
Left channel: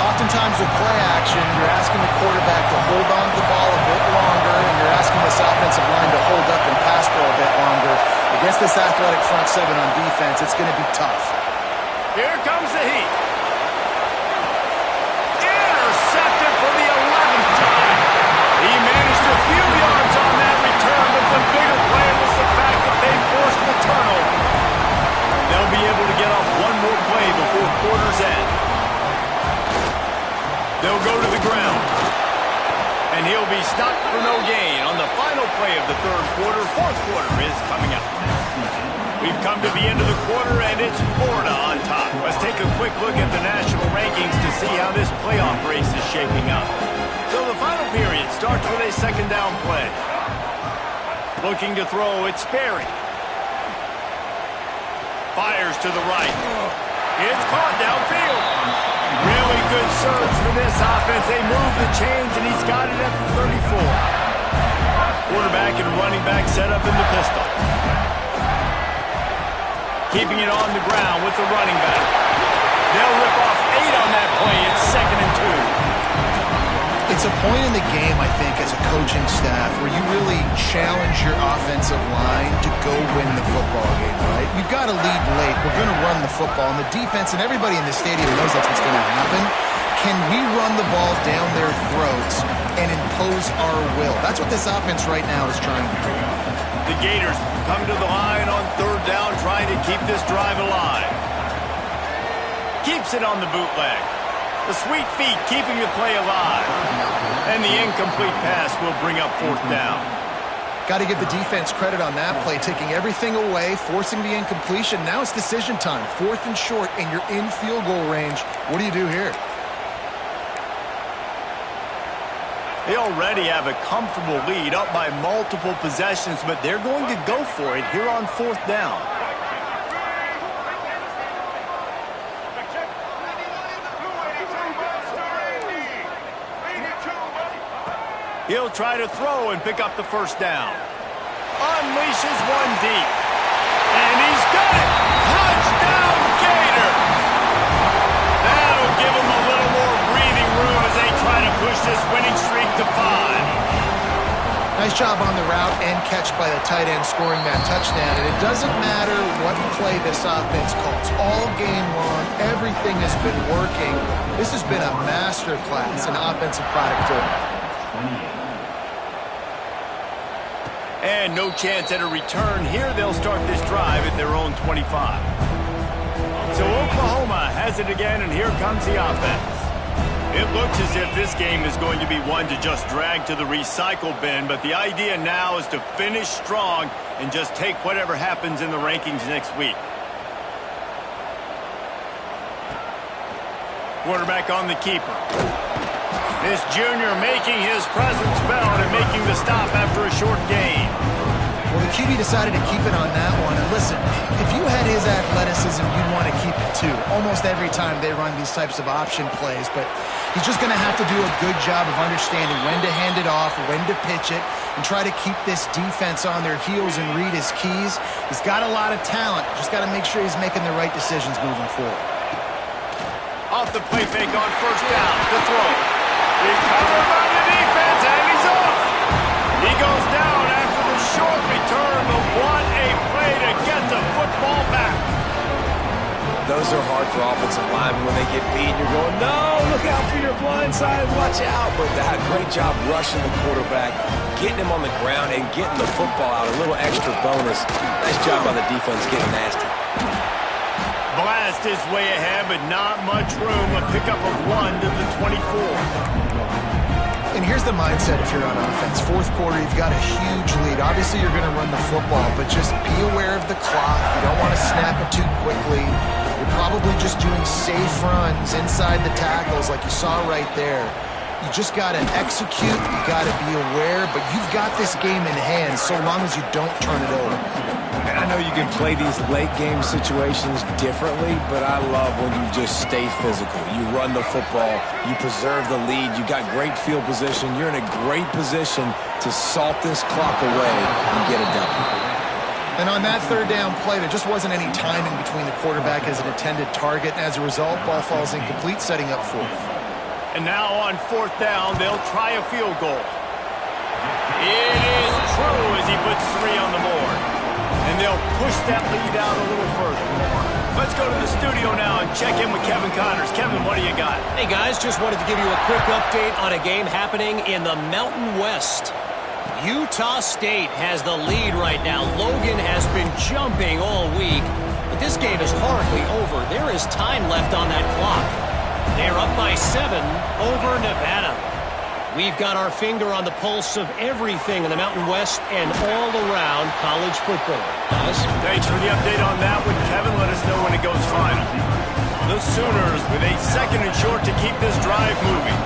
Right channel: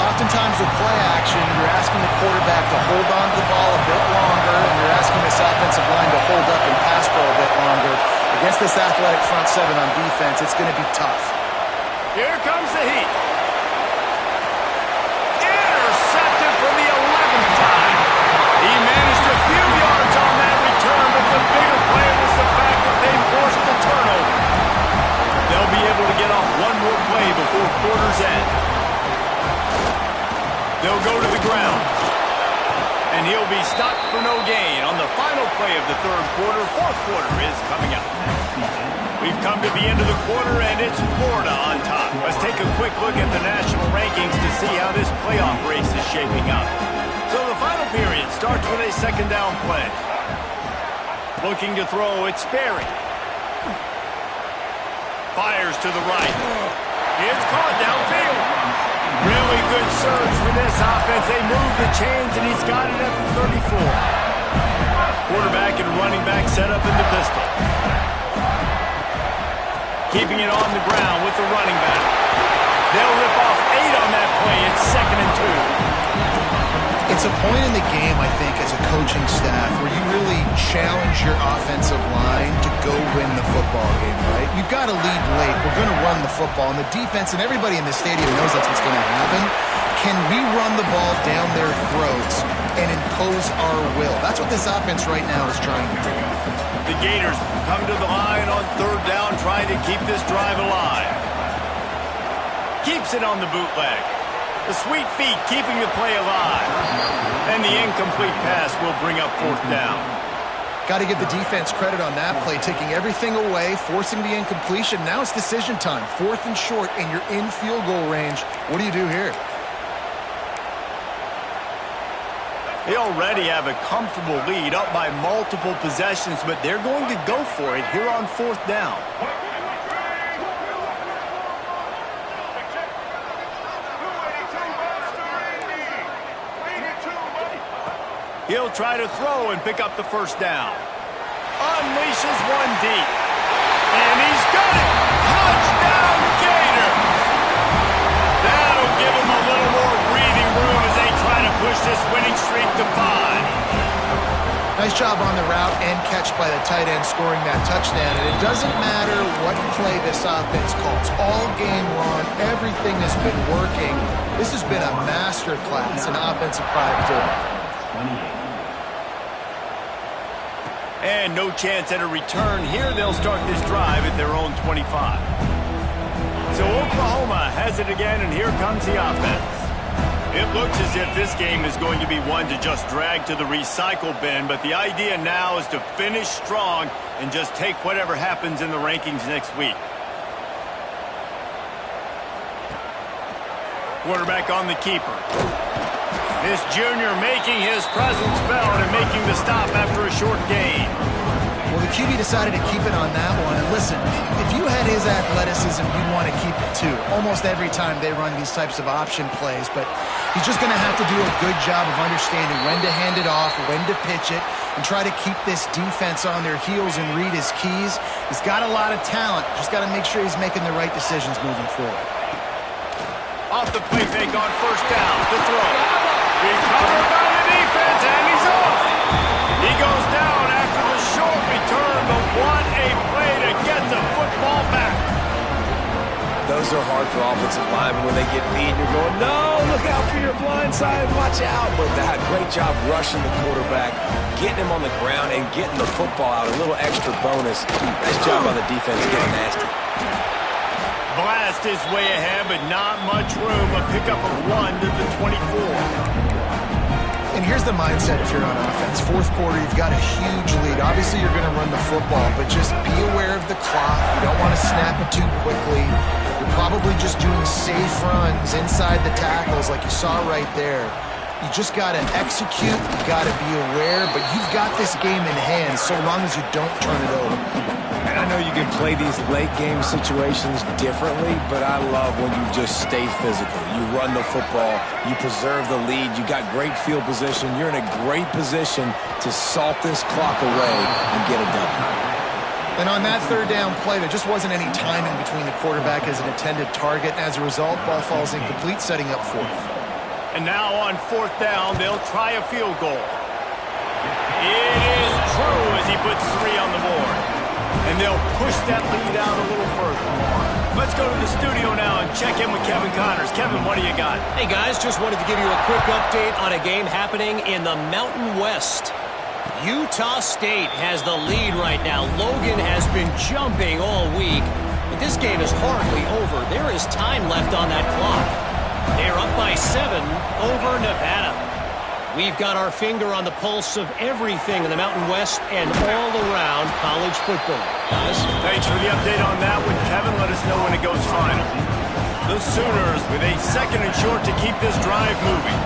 Oftentimes with play action, you're asking the quarterback to hold on to the ball a bit longer, and you're asking this offensive line to hold up and pass pro a bit longer. Against this athletic front seven on defense, it's going to be tough. Here comes the heat. Intercepted for the 11th time. He managed a few yards on that return, but the bigger play was the fact that they forced the turnover. They'll be able to get off one more play before quarter's end. They'll go to the ground. And he'll be stopped for no gain on the final play of the third quarter. Fourth quarter is coming up. We've come to the end of the quarter, and it's Florida on top. Let's take a quick look at the national rankings to see how this playoff race is shaping up. So the final period starts with a 2nd down play. Looking to throw, it's Sperry. Fires to the right. It's caught downfield. Really good surge for this offense. They move the chains, and he's got it at the 34. Quarterback and running back set up in the pistol. Keeping it on the ground with the running back. They'll rip off 8 on that play. It's 2nd and 2. It's a point in the game, I think, as a coaching staff where you really challenge your offensive line to go win the football game, right? You've got to lead late. We're going to run the football, and the defense and everybody in the stadium knows that's what's going to happen. Can we run the ball down their throats and impose our will? That's what this offense right now is trying to do. The Gators come to the line on third down, trying to keep this drive alive. Keeps it on the bootleg. The sweet feet keeping the play alive. And the incomplete pass will bring up 4th down. Got to give the defense credit on that play, taking everything away, forcing the incompletion. Now it's decision time. 4th and short, and you're in field goal range. What do you do here? They already have a comfortable lead, up by multiple possessions, but they're going to go for it here on 4th down. He'll try to throw and pick up the first down. Unleashes one deep. And he's got it! Touchdown, Gator! That'll give him a little more breathing room as they try to push this winning streak to 5. Nice job on the route and catch by the tight end scoring that touchdown. And it doesn't matter what play this offense calls. All game long, everything has been working. This has been a masterclass in offensive productivity. And no chance at a return here. They'll start this drive at their own 25. So Oklahoma has it again, and here comes the offense. It looks as if this game is going to be one to just drag to the recycle bin, but the idea now is to finish strong and just take whatever happens in the rankings next week. Quarterback on the keeper. This junior making his presence felt and making the stop after a short gain. Well, the QB decided to keep it on that one. And listen, if you had his athleticism, you'd want to keep it too. Almost every time they run these types of option plays. But he's just going to have to do a good job of understanding when to hand it off, when to pitch it, and try to keep this defense on their heels and read his keys. He's got a lot of talent. Just got to make sure he's making the right decisions moving forward. Off the play fake on first down. The throw. Recovered by the defense, and he's off. He goes down after the short return, but what a play to get the football back. Those are hard for offensive linemen when they get beat. You're going, no, look out for your blind side, watch out. But that great job rushing the quarterback, getting him on the ground, and getting the football out. A little extra bonus. Nice job by the defense getting nasty. Blast is way ahead, but not much room. A pickup of 1 to the 24. And here's the mindset if you're on offense. Fourth quarter, you've got a huge lead. Obviously, you're going to run the football, but just be aware of the clock. You don't want to snap it too quickly. You're probably just doing safe runs inside the tackles like you saw right there. You just got to execute. You got to be aware, but you've got this game in hand so long as you don't turn it over. And I know you can play these late-game situations differently, but I love when you just stay physical. You run the football. You preserve the lead. You got great field position. You're in a great position to salt this clock away and get a W. And on that third down play, there just wasn't any timing between the quarterback as an intended target. And as a result, ball falls incomplete, setting up fourth. And now on fourth down, they'll try a field goal. It is true as he puts 3 on the board. And they'll push that lead out a little further. Let's go to the studio now and check in with Kevin Connors. Kevin, what do you got? Hey, guys, just wanted to give you a quick update on a game happening in the Mountain West. Utah State has the lead right now. Logan has been jumping all week, but this game is hardly over. There is time left on that clock. They're up by 7 over Nevada. We've got our finger on the pulse of everything in the Mountain West and all around college football. Guys? Thanks for the update on that one, Kevin. Let us know when it goes final. The Sooners with a 2nd and short to keep this drive moving.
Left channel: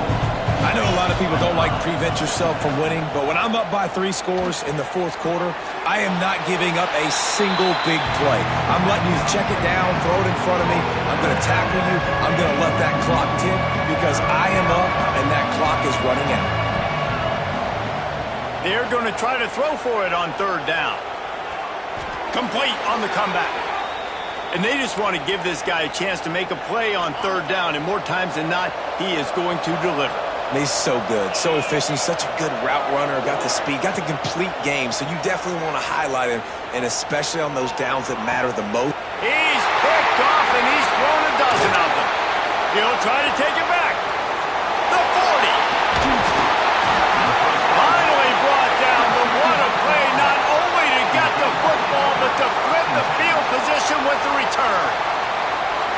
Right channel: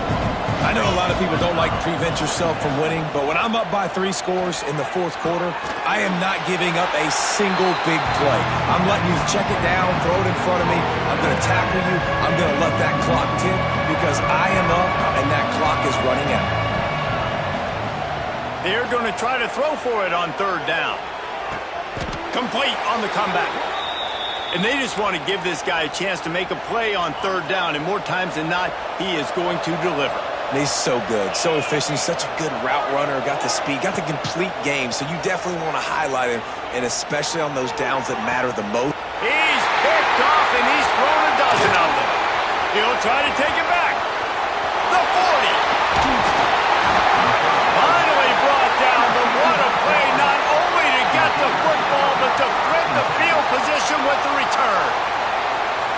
I know a lot of people don't like prevent yourself from winning, but when I'm up by 3 scores in the fourth quarter, I am not giving up a single big play. I'm letting you check it down, throw it in front of me. I'm going to tackle you. I'm going to let that clock tick because I am up and that clock is running out. They're going to try to throw for it on third down. Complete on the comeback. And they just want to give this guy a chance to make a play on third down, and more times than not, he is going to deliver. And he's so good, so efficient. He's such a good route runner, got the speed, got the complete game. So you definitely want to highlight him, and especially on those downs that matter the most. He's picked off, and he's thrown a dozen of them. He'll try to take it back. The 40. Finally brought down, but what a play, not only to get the football, but to flip the field position with the return.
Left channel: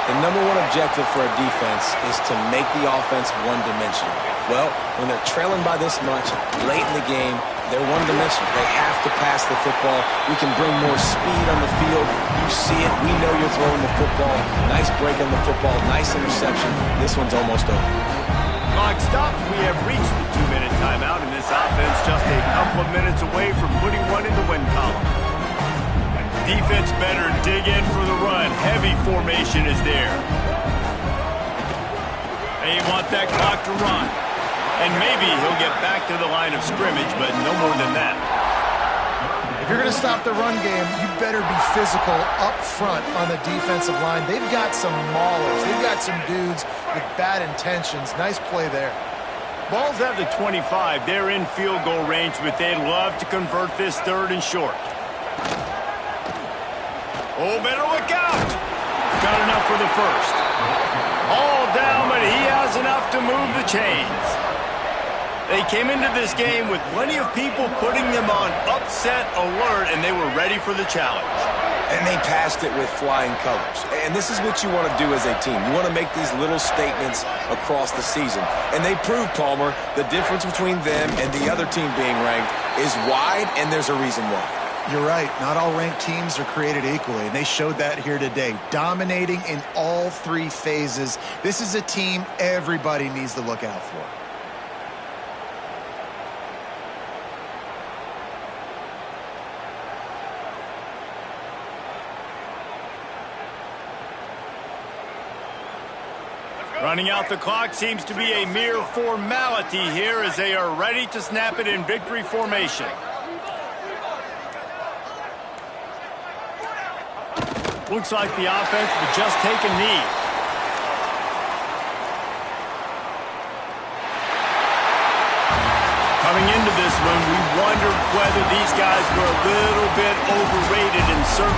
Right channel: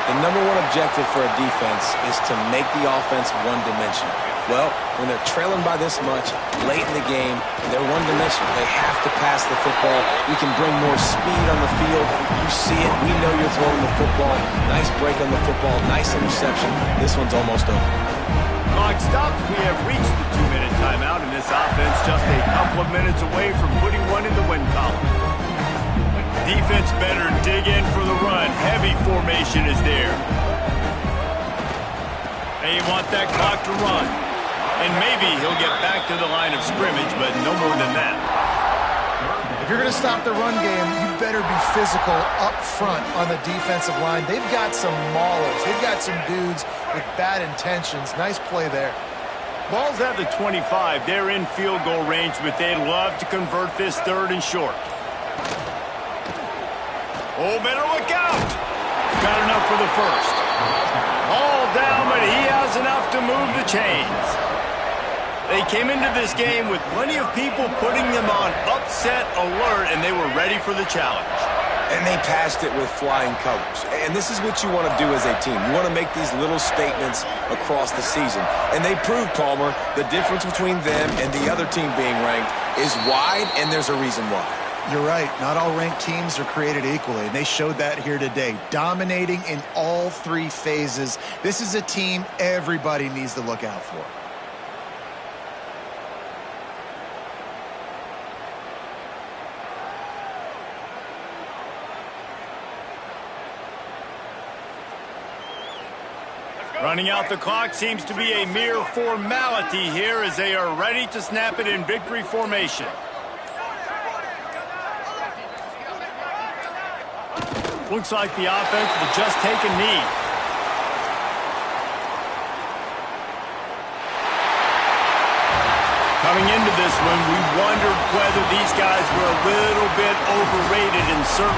The number one objective for a defense is to make the offense one-dimensional. Well, when they're trailing by this much, late in the game, they're one-dimensional. They have to pass the football. We can bring more speed on the field. You see it. We know you're throwing the football. Nice break on the football. Nice interception. This one's almost over. Clock stops. We have reached the 2-minute timeout, and this offense just a couple of minutes away from putting one in the win column. Defense better dig in for the run. Heavy formation is there. They want that clock to run. And maybe he'll get back to the line of scrimmage, but no more than that. If you're going to stop the run game, you better be physical up front on the defensive line. They've got some maulers. They've got some dudes with bad intentions. Nice play there. Ball's at the 25. They're in field goal range, but they'd love to convert this 3rd and short. Oh, better look out. Got enough for the first. All down, but he has enough to move the chains. They came into this game with plenty of people putting them on upset alert, and they were ready for the challenge. And they passed it with flying colors. And this is what you want to do as a team. You want to make these little statements across the season. And they proved, Palmer, the difference between them and the other team being ranked is wide, and there's a reason why. You're right. Not all ranked teams are created equally, and they showed that here today, dominating in all 3 phases. This is a team everybody needs to look out for. Running out the clock seems to be a mere formality here as they are ready to snap it in victory formation. Looks like the offense will just take a knee. Coming into this one, we wondered whether these guys were a little bit overrated in certain